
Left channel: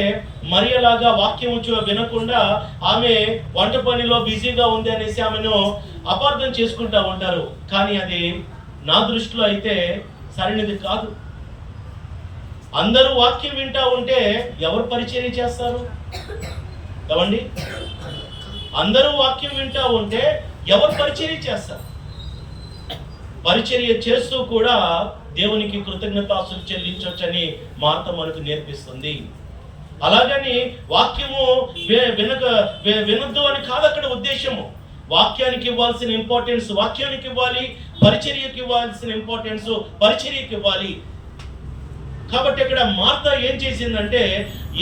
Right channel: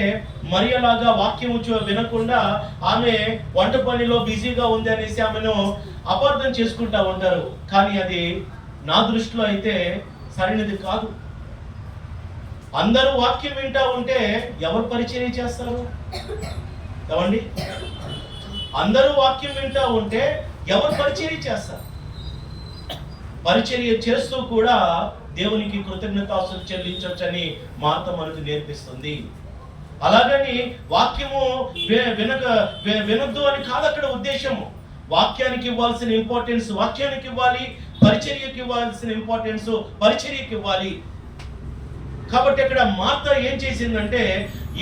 మరియలాగా వాక్యం వినకుండా ఆమె వంట పనిలో బిజీగా ఉంది అనేసి ఆమెను అపార్థం చేసుకుంటూ ఉంటారు. కానీ అది నా దృష్టిలో అయితే సరైనది కాదు. అందరూ వాక్యం వింటూ ఉంటే ఎవరు పరిచర్య చేస్తారు? ఏమండి, అందరూ వాక్యం వింటూ ఉంటే ఎవరు పరిచర్య చేస్తారు? పరిచర్య చేస్తూ కూడా దేవునికి కృతజ్ఞతాస్తులు చెల్లించవచ్చని మార్త మనకు నేర్పిస్తుంది. అలాగని వాక్యము వినొద్దు అని కాదు అక్కడ ఉద్దేశము. వాక్యానికి ఇవ్వాల్సిన ఇంపార్టెన్స్ వాక్యానికి ఇవ్వాలి, పరిచర్యకి ఇవ్వాల్సిన ఇంపార్టెన్స్ పరిచర్యకి ఇవ్వాలి. కాబట్టి ఇక్కడ మార్త ఏం చేసిందంటే,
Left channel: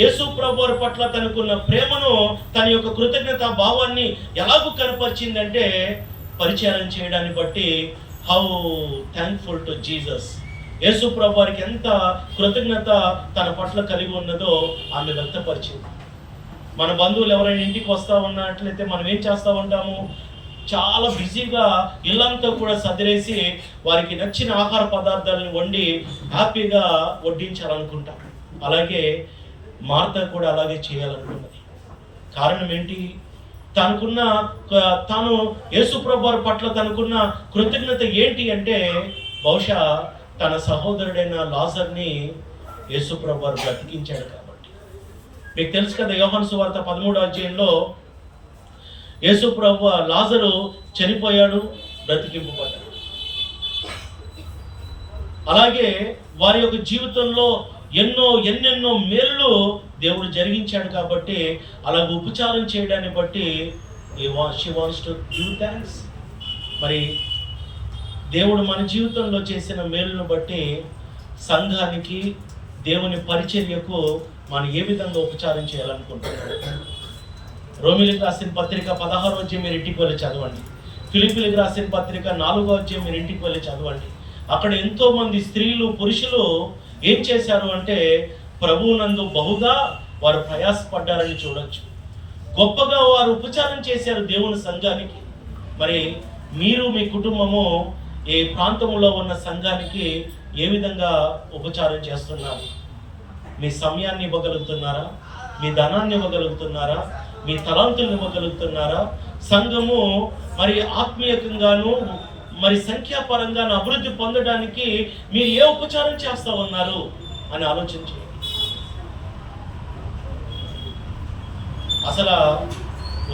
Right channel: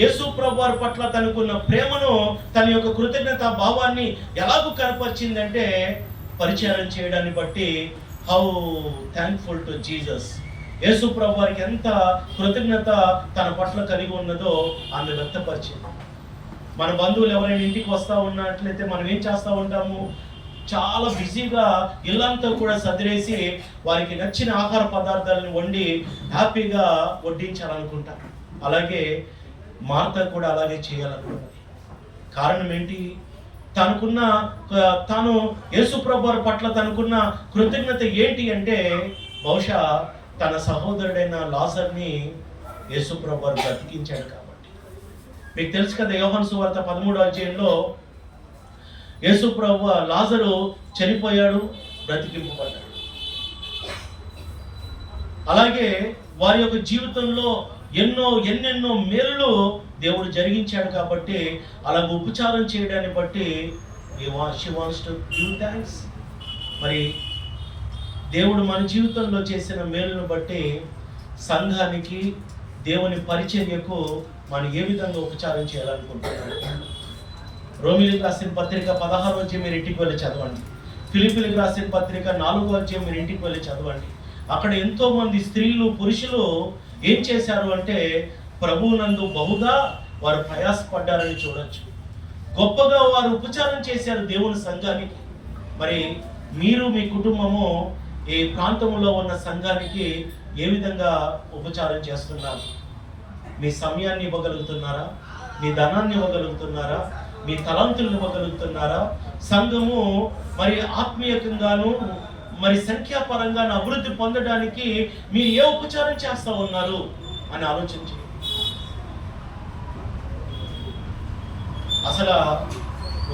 యేసు ప్రభు వారి పట్ల తనకున్న ప్రేమను, తన యొక్క కృతజ్ఞత భావాన్ని ఎలాగూ కనపరిచిందంటే, పరిచయం చేయడాన్ని బట్టి how thankful to Jesus, Yesu ప్రభు వారికి ఎంత కృతజ్ఞత తన పట్ల కలిగి ఉన్నదో ఆమె వ్యక్తపరిచింది. మన బంధువులు ఎవరైనా ఇంటికి వస్తూ ఉన్నట్లయితే మనం ఏం చేస్తూ ఉంటాము? చాలా బిజీగా ఇల్లంతా కూడా సదిరేసి వారికి నచ్చిన ఆహార పదార్థాలను వండి హ్యాపీగా వడ్డించాలనుకుంటాం. అలాగే మార్త కూడా అలాగే చేయాలనుకున్నది. కారణం ఏంటి? తాను యేసు ప్రభు వారి పట్ల తనకున్న కృతజ్ఞత ఏంటి అంటే, బహుశా తన సహోదరుడైన లాజర్ని యేసు ప్రభు వారు బ్రతికించాడు కాబట్టి. మీకు తెలుసు కదా, యోహాను సువార్త 13వ అధ్యాయంలో యేసు ప్రభు లాజరు చనిపోయాడు, బ్రతికింపబడ్డాడు. అలాగే వారి యొక్క జీవితంలో ఎన్నెన్నో మేళ్ళు దేవుడు జరిగించాడు కాబట్టి అలాగ ఉపచారం చేయడాన్ని బట్టి she wants to give thanks. మరి దేవుడు మన జీవితంలో చేసిన మేలును బట్టి సంఘానికి, దేవుని పరిచర్యకు మనం ఏ విధంగా ఉపచారం చేయాలనుకుంటున్నాడు? రోమిలికి రాసిన పత్రిక 16వ అధ్యాయం మీరు ఇంటికి వెళ్ళి చదవండి. ఫిలిప్పీలకు రాసిన పత్రిక 4వ అధ్యాయం మీరు ఇంటికి వెళ్ళి చదవండి. అక్కడ ఎంతోమంది స్త్రీలు, పురుషులు ఏం చేశారు అంటే, ప్రభువునందు బహుగా వారు ప్రయాసపడ్డారని చూడొచ్చు. గొప్పగా వారు ఉపచారం చేశారు దేవుని సంఘానికి. మరి మీరు, మీ కుటుంబము ఈ ప్రాంతంలో ఉన్న సంఘానికి ఏ విధంగా ఉపచారం చేస్తున్నారు? మీ సమయాన్ని ఇవ్వగలుగుతున్నారా? మీ ధనాన్ని ఇవ్వగలుగుతున్నారా? మీ తలంతులను ఇవ్వగలుగుతున్నారా? సంఘము మరి ఆత్మీయంగాను మరి సంఖ్యాపరంగాను అభివృద్ధి పొందడానికి మీరు ఏ ఉపచారం చేస్తూ ఉన్నారు అని ఆలోచించండి. అసలు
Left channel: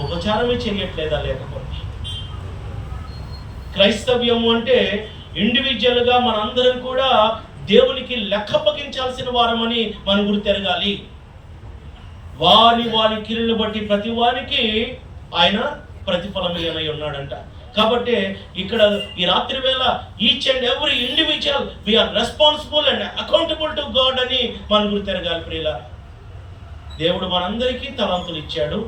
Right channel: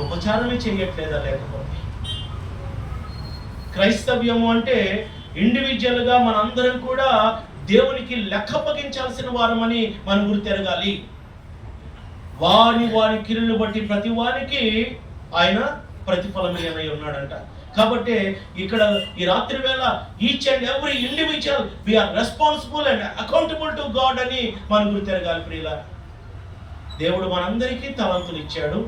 ఉపచారమే చేయట్లేదా? లేకపోతే క్రైస్తవ్యము అంటే ఇండివిజువల్గా మనందరం కూడా దేవునికి లెక్కప్పగించాల్సిన వారమని మనం గుర్తెరగాలి. వారి కిరీని బట్టి ప్రతి వారికి ఆయన ప్రతిఫలం ఇయ్యనై ఉన్నాడంట. కాబట్టి ఇక్కడ ఈ రాత్రి వేళ each and every individual we are responsible and accountable to God అని మనం గుర్తెరగాలి. ప్రియుల, దేవుడు మనందరికీ తలాంతులు ఇచ్చాడు.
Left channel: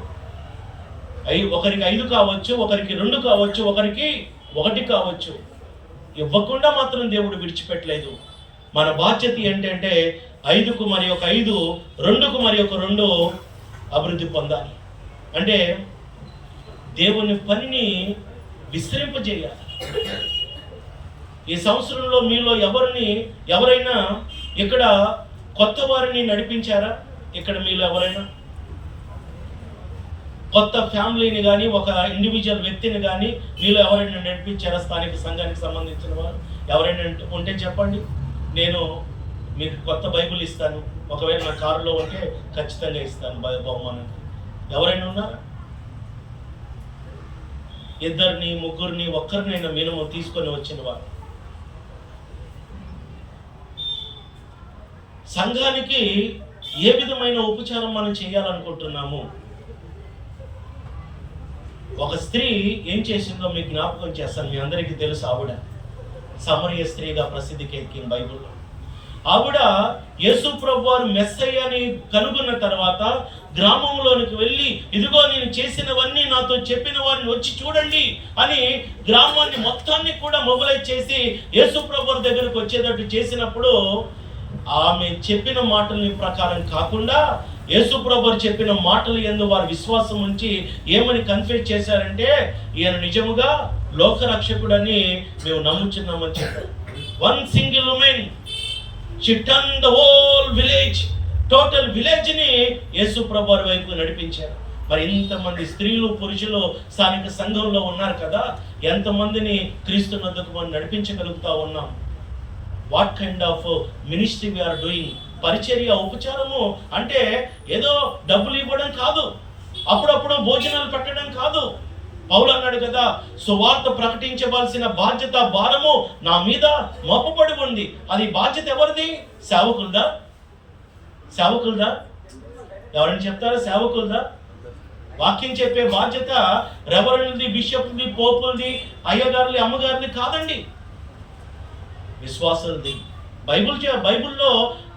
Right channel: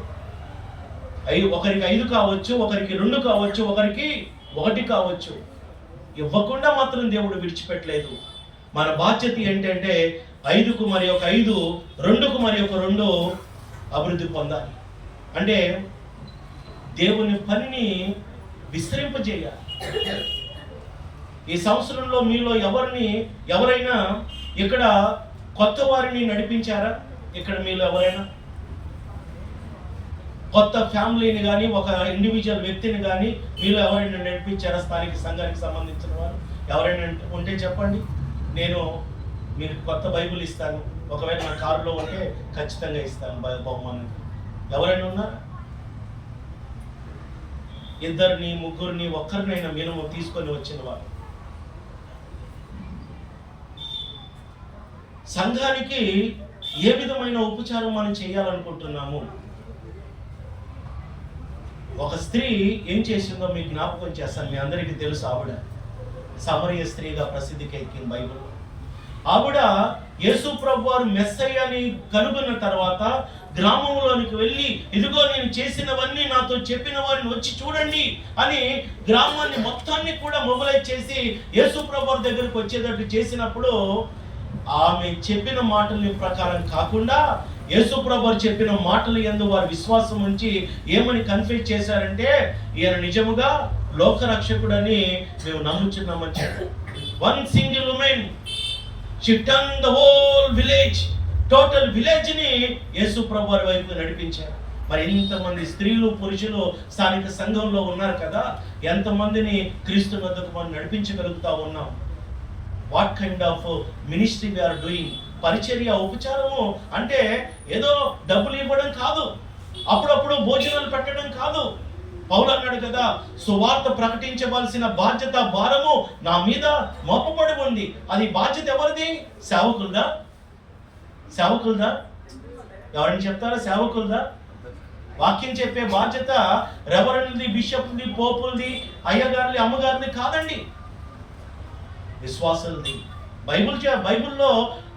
ఒకరికి 5 కావచ్చు, ఒకరికి 2 కావచ్చు, ఒకరికి 1 కావచ్చు. ఇవ్వకుండా మాత్రం దేవుడు విడిచిపెట్టలేదు. మన బాధ్యత ఏంటంటే 5కు మరి ఒక 5, 2కు మరి ఒక 2 అభివృద్ధి పొందాలి. అంటే దేవుని పనిని విస్తరింపజేయాలి. ఈ సంవత్సరంలో మీలో ఎవరైనా ఇక్కడ కొత్త వారిని నడిపించారా? ఇక్కడ మీలో ఎవరైనా కొత్త ఫ్యామిలీని కానీ, ఒక ఇండివిజువల్ వ్యక్తిని కానీ మీలో ఎవరైనా నడిపించారా? స్థానిక సంఘానికి సంబంధించిన వారు ఎవరైనా ఉంటే చెప్పండి. నేను మీకు కొత్త బైబిల్ ఇస్తాను. ఒకవేళ నా కారులో ఉంటే ఖచ్చితంగా ఇస్తాను బహుమానంగా. ఎవరైనా ఉన్నారా? 2, 3, ఒక్కరినైనా మినిమం తీసుకొని వచ్చిన వారు. సంఘానికి ఏ విధమైన ఉపచారం మనం చేయాలనుకుంటున్నాము? ఒక స్త్రీ ఏం చేసిందో మీకు జ్ఞాపకం చేస్తాను. మీ అందరికీ తెలుసు. ఆవిడ సమరయ స్త్రీగా ప్రసిద్ధికి ఎక్కింది బైబిల్లో. ఆవిడ యేసు ప్రభు వారు మెస్సయ్యని కనుగొన్న తర్వాత గ్రామంలోనికి వెళ్ళి, ఇదిగో నేను చేసినవన్నీ నాతో చెప్పిన వారిని వచ్చి చూడండి అని గ్రామాన్ని మొత్తాన్ని కూడా మొబిలైజ్ చేసి యేసు ప్రభు వారి దగ్గరకు వచ్చేటట్టు చేసినప్పుడు, ఆమె చెప్పిన మాటల ప్రకారం కాకుండా యేసు ప్రభు వారు చెప్పిన మాటలు యందు వారు విశ్వాసం ఉంచి ఏమని కన్ఫెస్ చేశారంటే, ఈయన నిజముగా లోకరక్షకుడని మేము నమ్ముచున్నామని చెప్పారు. One single woman, she turn the whole village, total విలేజ్ని యేసు ప్రభు వారి వైపు నడిపించారు. మరి ఇంతమంది స్త్రీలు పురుషులు స్థానిక సంఘంలో ఉన్నారు కదా, ఎంతమందిని క్రీస్తు వద్దకు మనం నడిపించగలుగుతా ఉన్నాం? What kind of ministry we are doing? పరిచర్య, ఉపచారము అంటే ఏదో డబ్బులు ఇవ్వడం కాదు, అప్పుడప్పుడు భోజనాలు పెట్టడం కాదు. పౌలు అన్నాడు కదా, సువార్త ప్రకటించవలసిన బాధ్యత, భారము నా మీద మోపబడి ఉంది. అది బాధ్యత ఎవరిది? సేవకులదా? సేవకులదా? ఎవరైనా చెప్తారా? సేవకులదా? వాక్యం చెప్పే బాధ్యత రెవరెండ్ది, బిషప్ది, పోపులది, అయ్యగారుది, అమ్మగారిది కాదండి, విశ్వాసులది. బైబిల్లో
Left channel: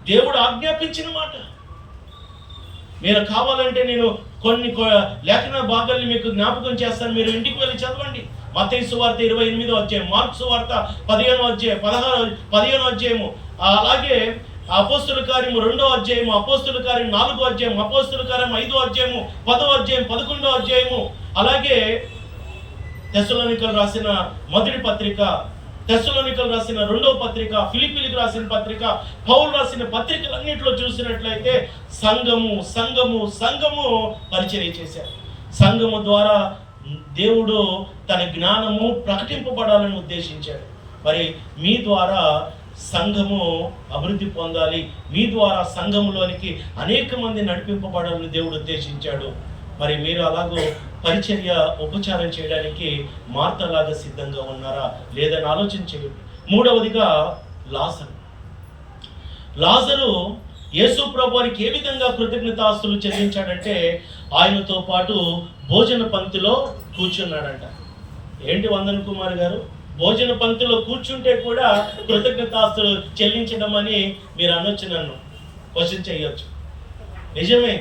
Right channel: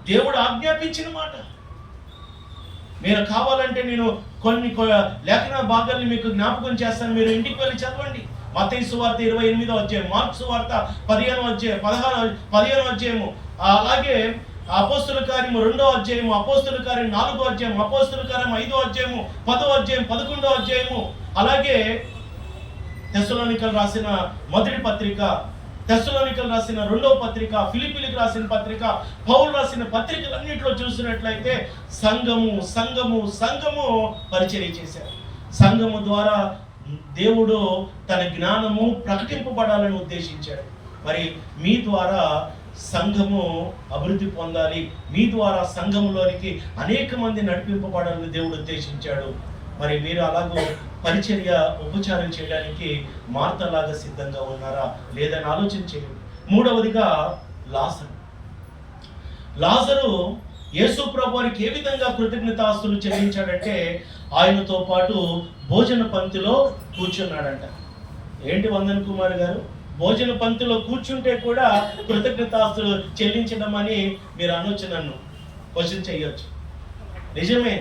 దేవుడు ఆజ్ఞాపించిన మాట. మీరు కావాలంటే నేను కొన్ని లేఖన భాగాల్ని మీకు జ్ఞాపకం చేస్తాను, మీరు ఇంటికి వెళ్ళి చదవండి. మత్తయి సువార్త 28వ అధ్యాయం, మార్కు సువార్త 15వ అధ్యాయం, 15వ అధ్యాయము, అలాగే అపోస్తుల కార్యము 2వ అధ్యాయము, అపోస్తుల కార్యం 4వ అధ్యాయం, అపోస్తుల కార్యం 5వ అధ్యాయము, 10వ అధ్యాయం, 11వ అధ్యాయము, అలాగే తెస్సలోనికలు రాసిన మొదటి పత్రిక, తెస్సలోనికలు రాసిన 2వ పత్రిక, ఫిలిప్పీలకు రాసిన పత్రిక, పౌలు రాసిన పత్రికలన్నింటిలో చూసినట్లయితే సంఘము పరిచర్య చేశారు. సంఘము ద్వారా దేవుడు తన జ్ఞానము ప్రకటింపబడాలని ఉద్దేశించాడు. మరి మీ ద్వారా సంఘము అభివృద్ధి పొందాలి, మీ ద్వారా సంఘములోనికి అనేక మంది నడిపింపబడాలని దేవుడు ఉద్దేశించాడు. మరి మీరు అలాగో పరిచర్య, ఉపచారం చేయడానికి మార్తలాగా సిద్ధంగా ఉన్నారా లేదని ఆలోచన చేయండి. మూడవదిగా లాజరు యేసు ప్రభు వారికి ఏ విధంగా కృతజ్ఞతాస్తులు చెల్లించాడంటే, ఆయనతో పాటు భోజన పంక్తిలో కూర్చున్నాడంట. ఏంటి వందన్ కుమార్ గారు, భోజన పంక్తిలో కూర్చుంటే కూడా కృతజ్ఞతాస్తులు చెల్లించడం అని మీరు అనొచ్చు, నన్ను క్వశ్చన్ చేయొచ్చు. నిజమే,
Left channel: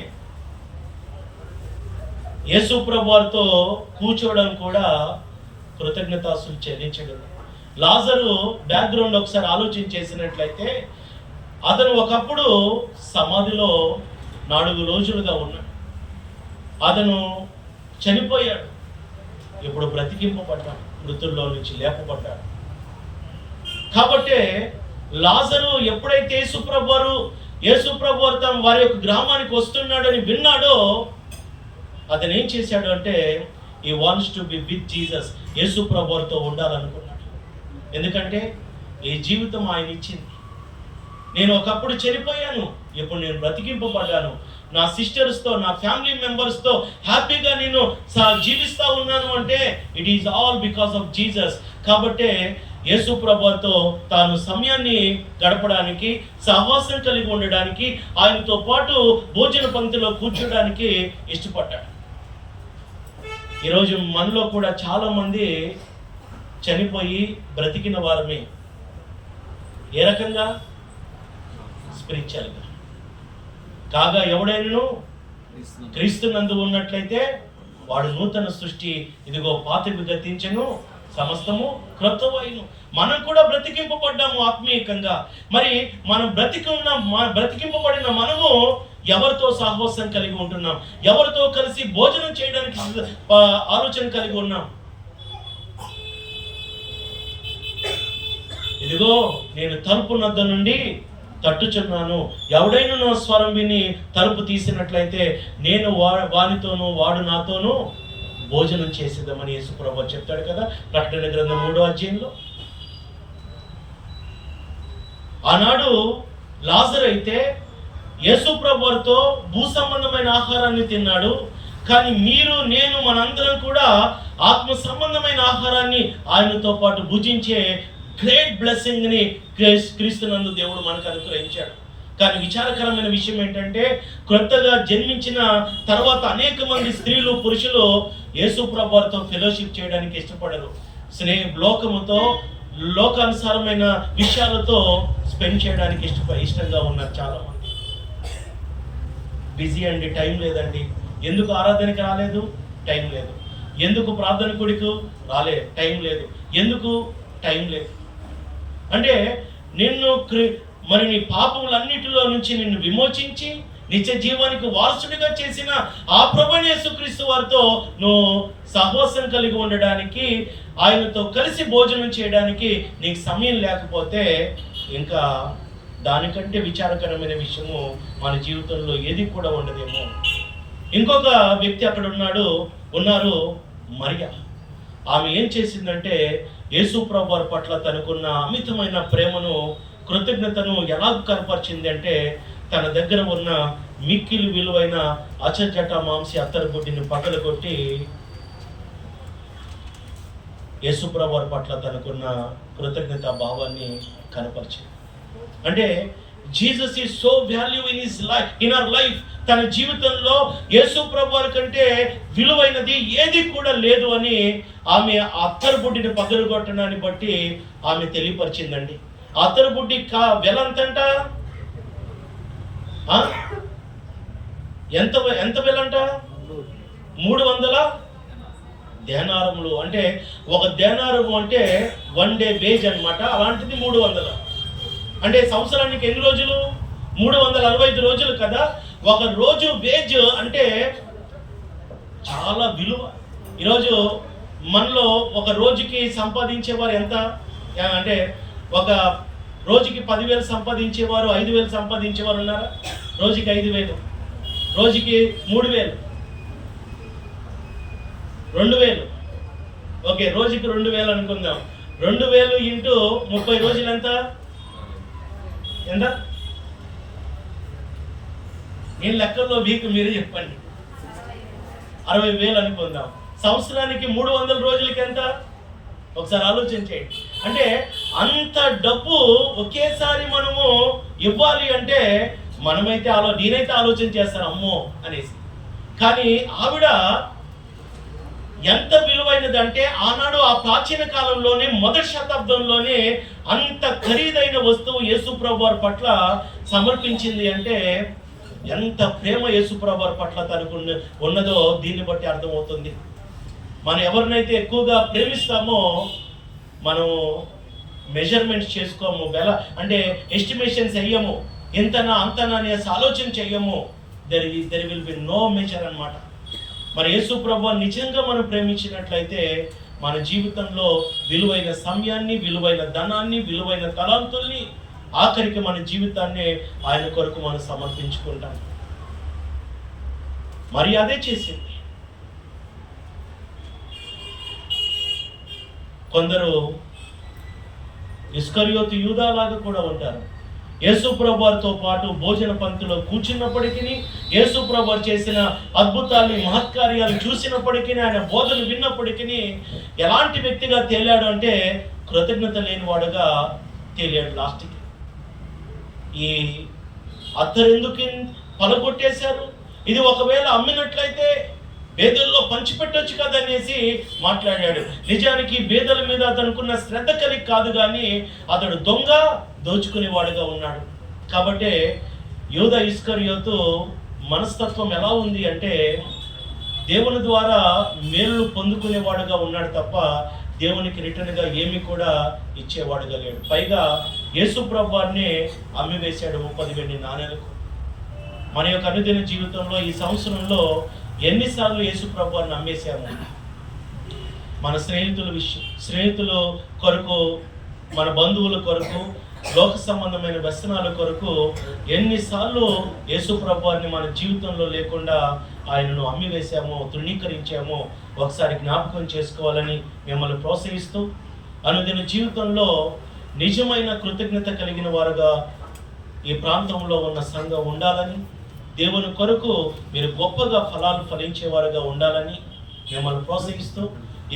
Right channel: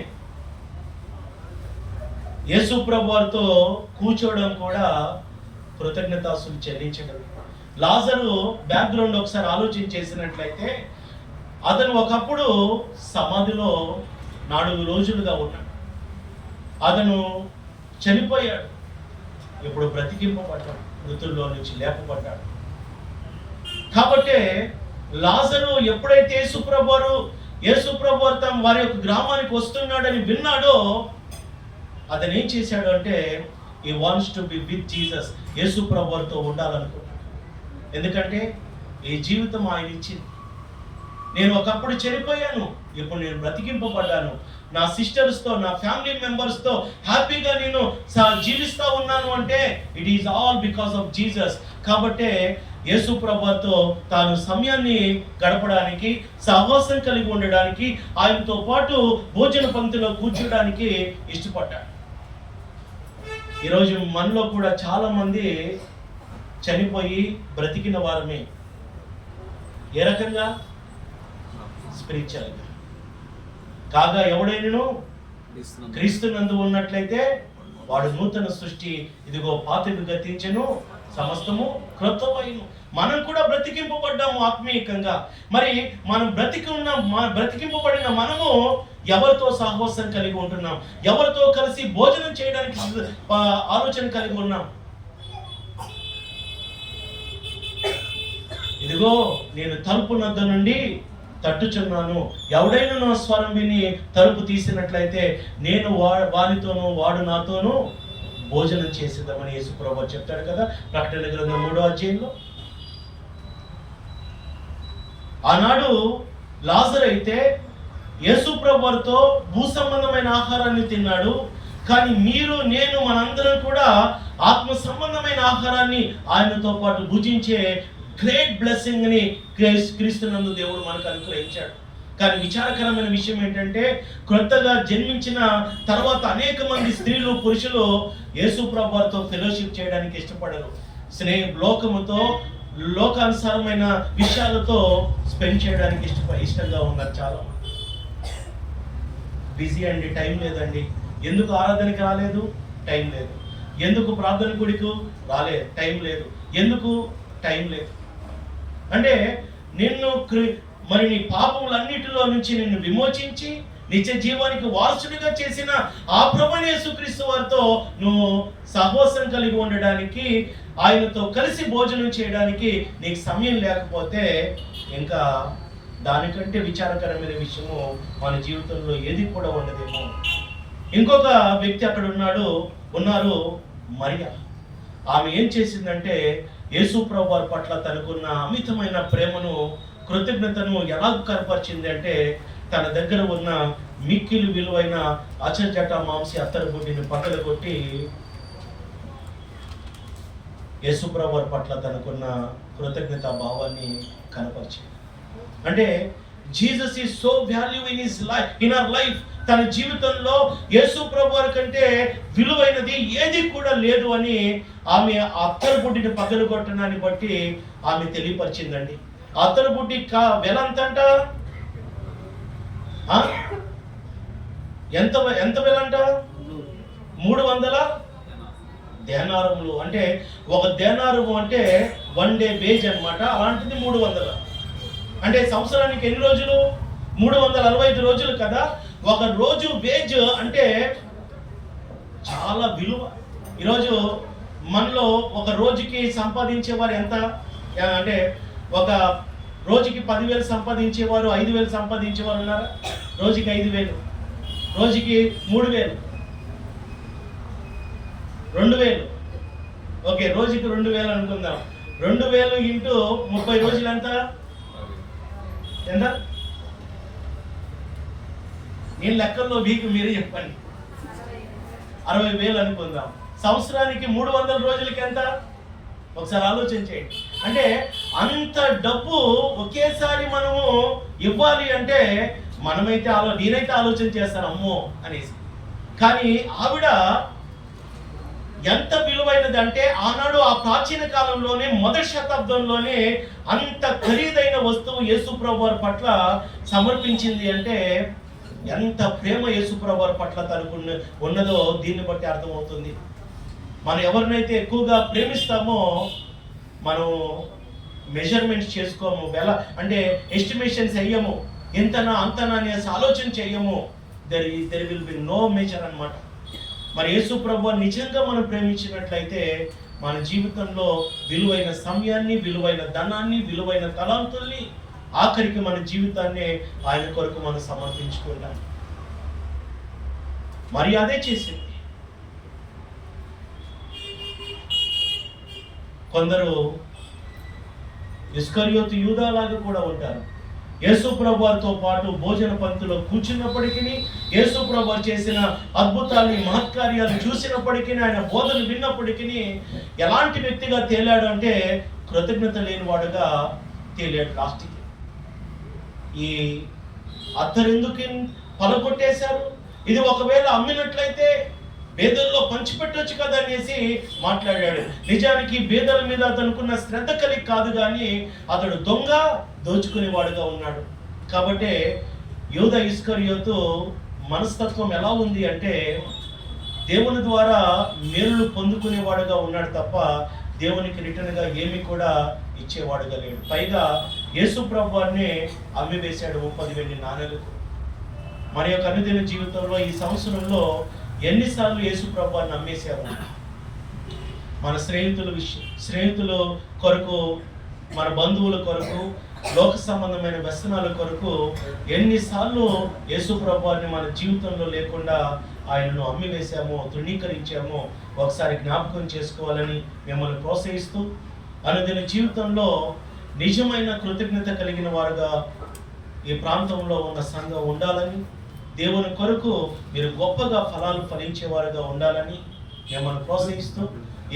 యేసు ప్రభు వారితో కూర్చోవడం కూడా కృతజ్ఞతాస్తులు చెల్లించడం. లాజరు బ్యాక్గ్రౌండ్ ఒకసారి ఆలోచన చేసినట్లయితే, అతను ఒకప్పుడు సమాధిలో 4 రోజులుగా ఉన్నాడు. అతను చనిపోయాడు, ఇప్పుడు బ్రతికింపబడ్డాడు, మృతుల్లో నుంచి లేపబడ్డాడు. కాబట్టి లాజరు ఎప్పుడైతే యేసు ప్రభు వారు వారి యొక్క గ్రామానికి వస్తున్నాడని విన్నాడో, అతను ఏం చేశాడు అంటే, he wants to be with Jesus, Yesu ప్రభు వారితో ఉండాలనుకున్నాడు. ఎందుకంటే ఈ జీవితం ఆయన ఇచ్చింది. నేను ఒకప్పుడు చనిపోయాను, ఇప్పుడు నేను బ్రతికింపబడ్డాను, నా సిస్టర్స్తో, నా ఫ్యామిలీ మెంబర్స్తో హ్యాపీగా నేను జీవిస్తూ ఉన్నాను అంటే it is all because of Jesus. కాబట్టే యేసు ప్రభుతో తాను సమయాన్ని గడపడానికి, సహవాసం కలిగి ఉండడానికి, ఆయనతో పాటు భోజన పంక్తిలో కూర్చోడానికి ఇష్టపడ్డాడు. ఈరోజు మనలో కూడా చాలామంది చనిపోయి బ్రతికిన వారమే. ఏ రకంగా? స్పిరిచువల్గా. కాగా ఎవడైనను క్రీస్తునందు ఉన్నట్లయితే వాడు నూతన సృష్టి, ఇదిగో పాతవి గతించెను, సమస్తము క్రొత్తవైను. మనం కూడా బ్రతికింపబడ్డాము ఆత్మీయంగా. మరి మనం బ్రతికింపబడిన మనము ఎవరితో సహవాసం కలిగి ఉంటున్నాం? ఎవరితో కలిసి భోజనం చేయడానికి ఆలోచన కలిగి ఉన్నాం? ఇదిగో నేను తలుపు నద్ద నుండి తట్టుచున్నాను, ఎవడైనా నా స్వరం విని తలుపు తీసినట్లయితే నేను వానితోనూ వాడు నాతోనూ భోజనం చేసేద్దామని యేసు ప్రభువు చెప్తాడు కదా, ప్రకటన గ్రంథం 3వ అధ్యాయంలో. ఆనాడు లాజరు అయితే యేసు ప్రభువుతో భూ సంబంధమైన ఆహారాన్ని తిన్నాడు. కానీ మీరు, నేను, మనందరం కూడా ఆత్మ సంబంధమైన ఆహారాన్ని ఆయనతో పాటు భుజించే గ్రేట్ బ్లెస్సింగ్ని క్రీస్తునందు దేవుడు మనకు అనుగ్రహించాడు. కానీ విచారకరమైన విషయం ఏంటంటే, కొత్తగా జన్మించిన తర్వాత అనేక మంది స్త్రీలు, పురుషులు యేసు ప్రభువుతో ఫెలోషిప్ చేయడానికి ఇష్టపడరు. లోకముతో, లోకానుసారమైన విషయాలతో స్పెండ్ చేయడానికి ఇష్టంగా ఉన్నారు చాలామంది. బిజీ అండి, టైం లేదండి. ఎందుకు ఆరాధనకి రాలేదు? టైం లేదు. ఎందుకు ప్రార్థన గుడికి టైం లేదు. ఎందుకు? టైం లేదు. అంటే నిన్ను మరి నీ పాపములన్నిటిలో నుంచి నిన్ను విమోచించి నిత్య జీవానికి వారసుడిగా చేసిన ఆ ప్రభువైన యేసుక్రీస్తు వారితో నువ్వు సహవాసం కలిగి ఉండడానికి, ఆయనతో కలిసి భోజనం చేయడానికి నీకు సమయం లేకపోతే ఇంకా దానికంటే విచారకరమైన విషయము మన జీవితంలో ఏది కూడా ఉండదేమో. ఇంకొక వ్యక్తి అక్కడ ఉన్నారు మరియా. ఆమె ఏం చేసిందంటే యేసు ప్రభు వారి పట్ల తనకున్న అమితమైన ప్రేమను, కృతజ్ఞతను ఎలా కనపరిచింది అంటే తన దగ్గర ఉన్న మిక్కిలి విలువైన అచంచట మాంసి అత్తరబుడ్డిని పక్కన కొట్టి యేసు ప్రభు వారి పట్ల తనకున్న కృతజ్ఞత భావాన్ని కనపరిచింది. అంటే Jesus is so value in our life. తన జీవితంలో యేసు ప్రభు వారి కంటే విలువైనది ఏది కూడా లేదు అని ఆమె అత్తరబుడ్డిని పగలగొట్టడాన్ని బట్టి ఆమె తెలియపరిచిందండి. అత్తరబుడ్డి వెల ఎంతంట? ఎంత వెలంట? 300 దేనారములు. అంటే ఒక దేనారము అంటే 1 డే వేజ్ అనమాట. అలాంటిది 300. అంటే సంవత్సరానికి ఎన్ని రోజులు? 365 రోజులు కదా. ఒక రోజు వేజ్ అంటే చాలా విలువ. ఈరోజు మనలో ఒక రోజుకి సంపాదించేవారు ఎంత అంటే ఒక రోజుకి 10,000 సంపాదించేవారు, 5,000 సంపాదించేవారు ఉన్నారా? రోజుకి 5,000, రోజుకి 3,000, 2,000. ఓకే, రోజుకి 2,000 అనుకుందాం. 2,000 ఇంటూ 30 రోజులు ఎంత? నేను లెక్కల్లో మీకు మీరే చెప్పండి. 60,000 అనుకుందాం. సంవత్సరానికి 300 రోజులకి ఎంత? ఒకసారి ఆలోచన చేయండి. అంటే అంత డబ్బు ఒకేసారి మనము ఇవ్వాలి అంటే నేనైతే ఆలోచన చేస్తాను అమ్మో అనేసి. కానీ ఆవిడ ఎంత విలువైనది అంటే ఆనాడు ఆ ప్రాచీన కాలంలోనే మొదటి శతాబ్దంలోనే అంత ఖరీదైన వస్తువు యేసు ప్రభు వారి పట్ల సమర్పించింది అంటే ఎంత ప్రేమ యేసు ప్రభు వారి పట్ల తనకు ఉన్నదో దీన్ని బట్టి అర్థమవుతుంది. మనం ఎవరినైతే ఎక్కువగా ప్రేమిస్తామో మనం మెజర్మెంట్స్ చేసుకోము, అంటే ఎస్టిమేషన్స్ చెయ్యము, ఇంతనా అంతనా అని ఆలోచన చెయ్యము. There will be no measure అన్నమాట. మరి యేసు ప్రభువు నిజంగా మనం ప్రేమించినట్లయితే మన జీవితంలో విలువైన సమయాన్ని, విలువైన ధనాన్ని, విలువైన తలాంతుల్ని, ఆఖరికి మన జీవితాన్ని ఆయన కొరకు మనం సమర్పించుకుంటాం. మరి అదే చేసింది. కొందరు ఇస్కరియోతు యూదాలాగా కూడా ఉంటారు. యేసు ప్రభు వారితో పాటు భోజన పంక్తిలో కూర్చున్నప్పటికీ, యేసు ప్రభు వారు చేసిన అద్భుతాల్ని, మహత్కార్యాలు చూసినప్పటికీ, ఆయన బోధలు విన్నప్పటికీ ఎలాంటి వ్యక్తిగా తేలాడు అంటే కృతజ్ఞత లేనివాడుగా తేలాడు. లాస్ట్కి ఈ అత్తరెందుకు పలగొట్టేశారు, ఇది ఒకవేళ అమ్మినట్లయితే బేదల్లో పంచిపెట్టొచ్చు కదా అనేసి మాట్లాడాడు. నిజానికి బేదల మీద అతనుకున్న శ్రద్ధ కలిగి కాదు, కానీ అతడు దోచుకునేవాడుగా ఉన్నాడు. కాబట్టి యూదా ఇస్కరియోతు మనస్తత్వం ఎలా ఉంది అంటే దేవుని ద్వారా మేలులు పొందుకునేవాడుగా ఉన్నాడు తప్ప దేవునికి రిటర్న్గా ఏమి కూడా ఇచ్చేవాడుగా లేడు. పైగా యేసు ప్రభు వారిని అమ్మివేశాడు 30 వెండి నాణేలకు. మన యొక్క అనుదిన జీవితంలో ఈ సంవత్సరంలో ఎన్నిసార్లు యేసు ప్రభు వారిని అమ్మేశాము? మన స్నేహితుల కొరకు, మన బంధువుల కొరకు, లోక సంబంధమైన వ్యసనాల కొరకు ఎన్నిసార్లు యేసు ప్రభు వారిని మన జీవితంలో లేకుండా ఆయనను అమ్మివేశామో, తృణీకరించామో ఒకసారి జ్ఞాపకం చేసుకోవాలని మిమ్మల్ని ప్రోత్సహిస్తూ, అనుదిన జీవితంలో నిజమైన కృతజ్ఞత కలిగిన వారుగా ఈ ప్రాంతంలో ఉన్న సంఘం ఉండాలని, దేవుని కొరకు మీరు గొప్పగా ఫలాలు ఫలించేవారుగా ఉండాలని మిమ్మల్ని ప్రోత్సహిస్తూ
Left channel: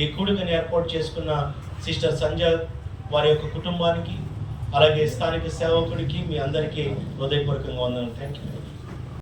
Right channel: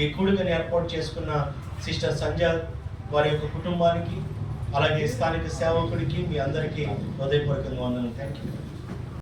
ఈ కూడికను ఏర్పాటు చేసుకున్న సిస్టర్ సంజయ్ వారి యొక్క కుటుంబానికి, అలాగే స్థానిక సేవకుడికి మీ అందరికీ హృదయపూర్వకంగా వందనాలు. Thank you.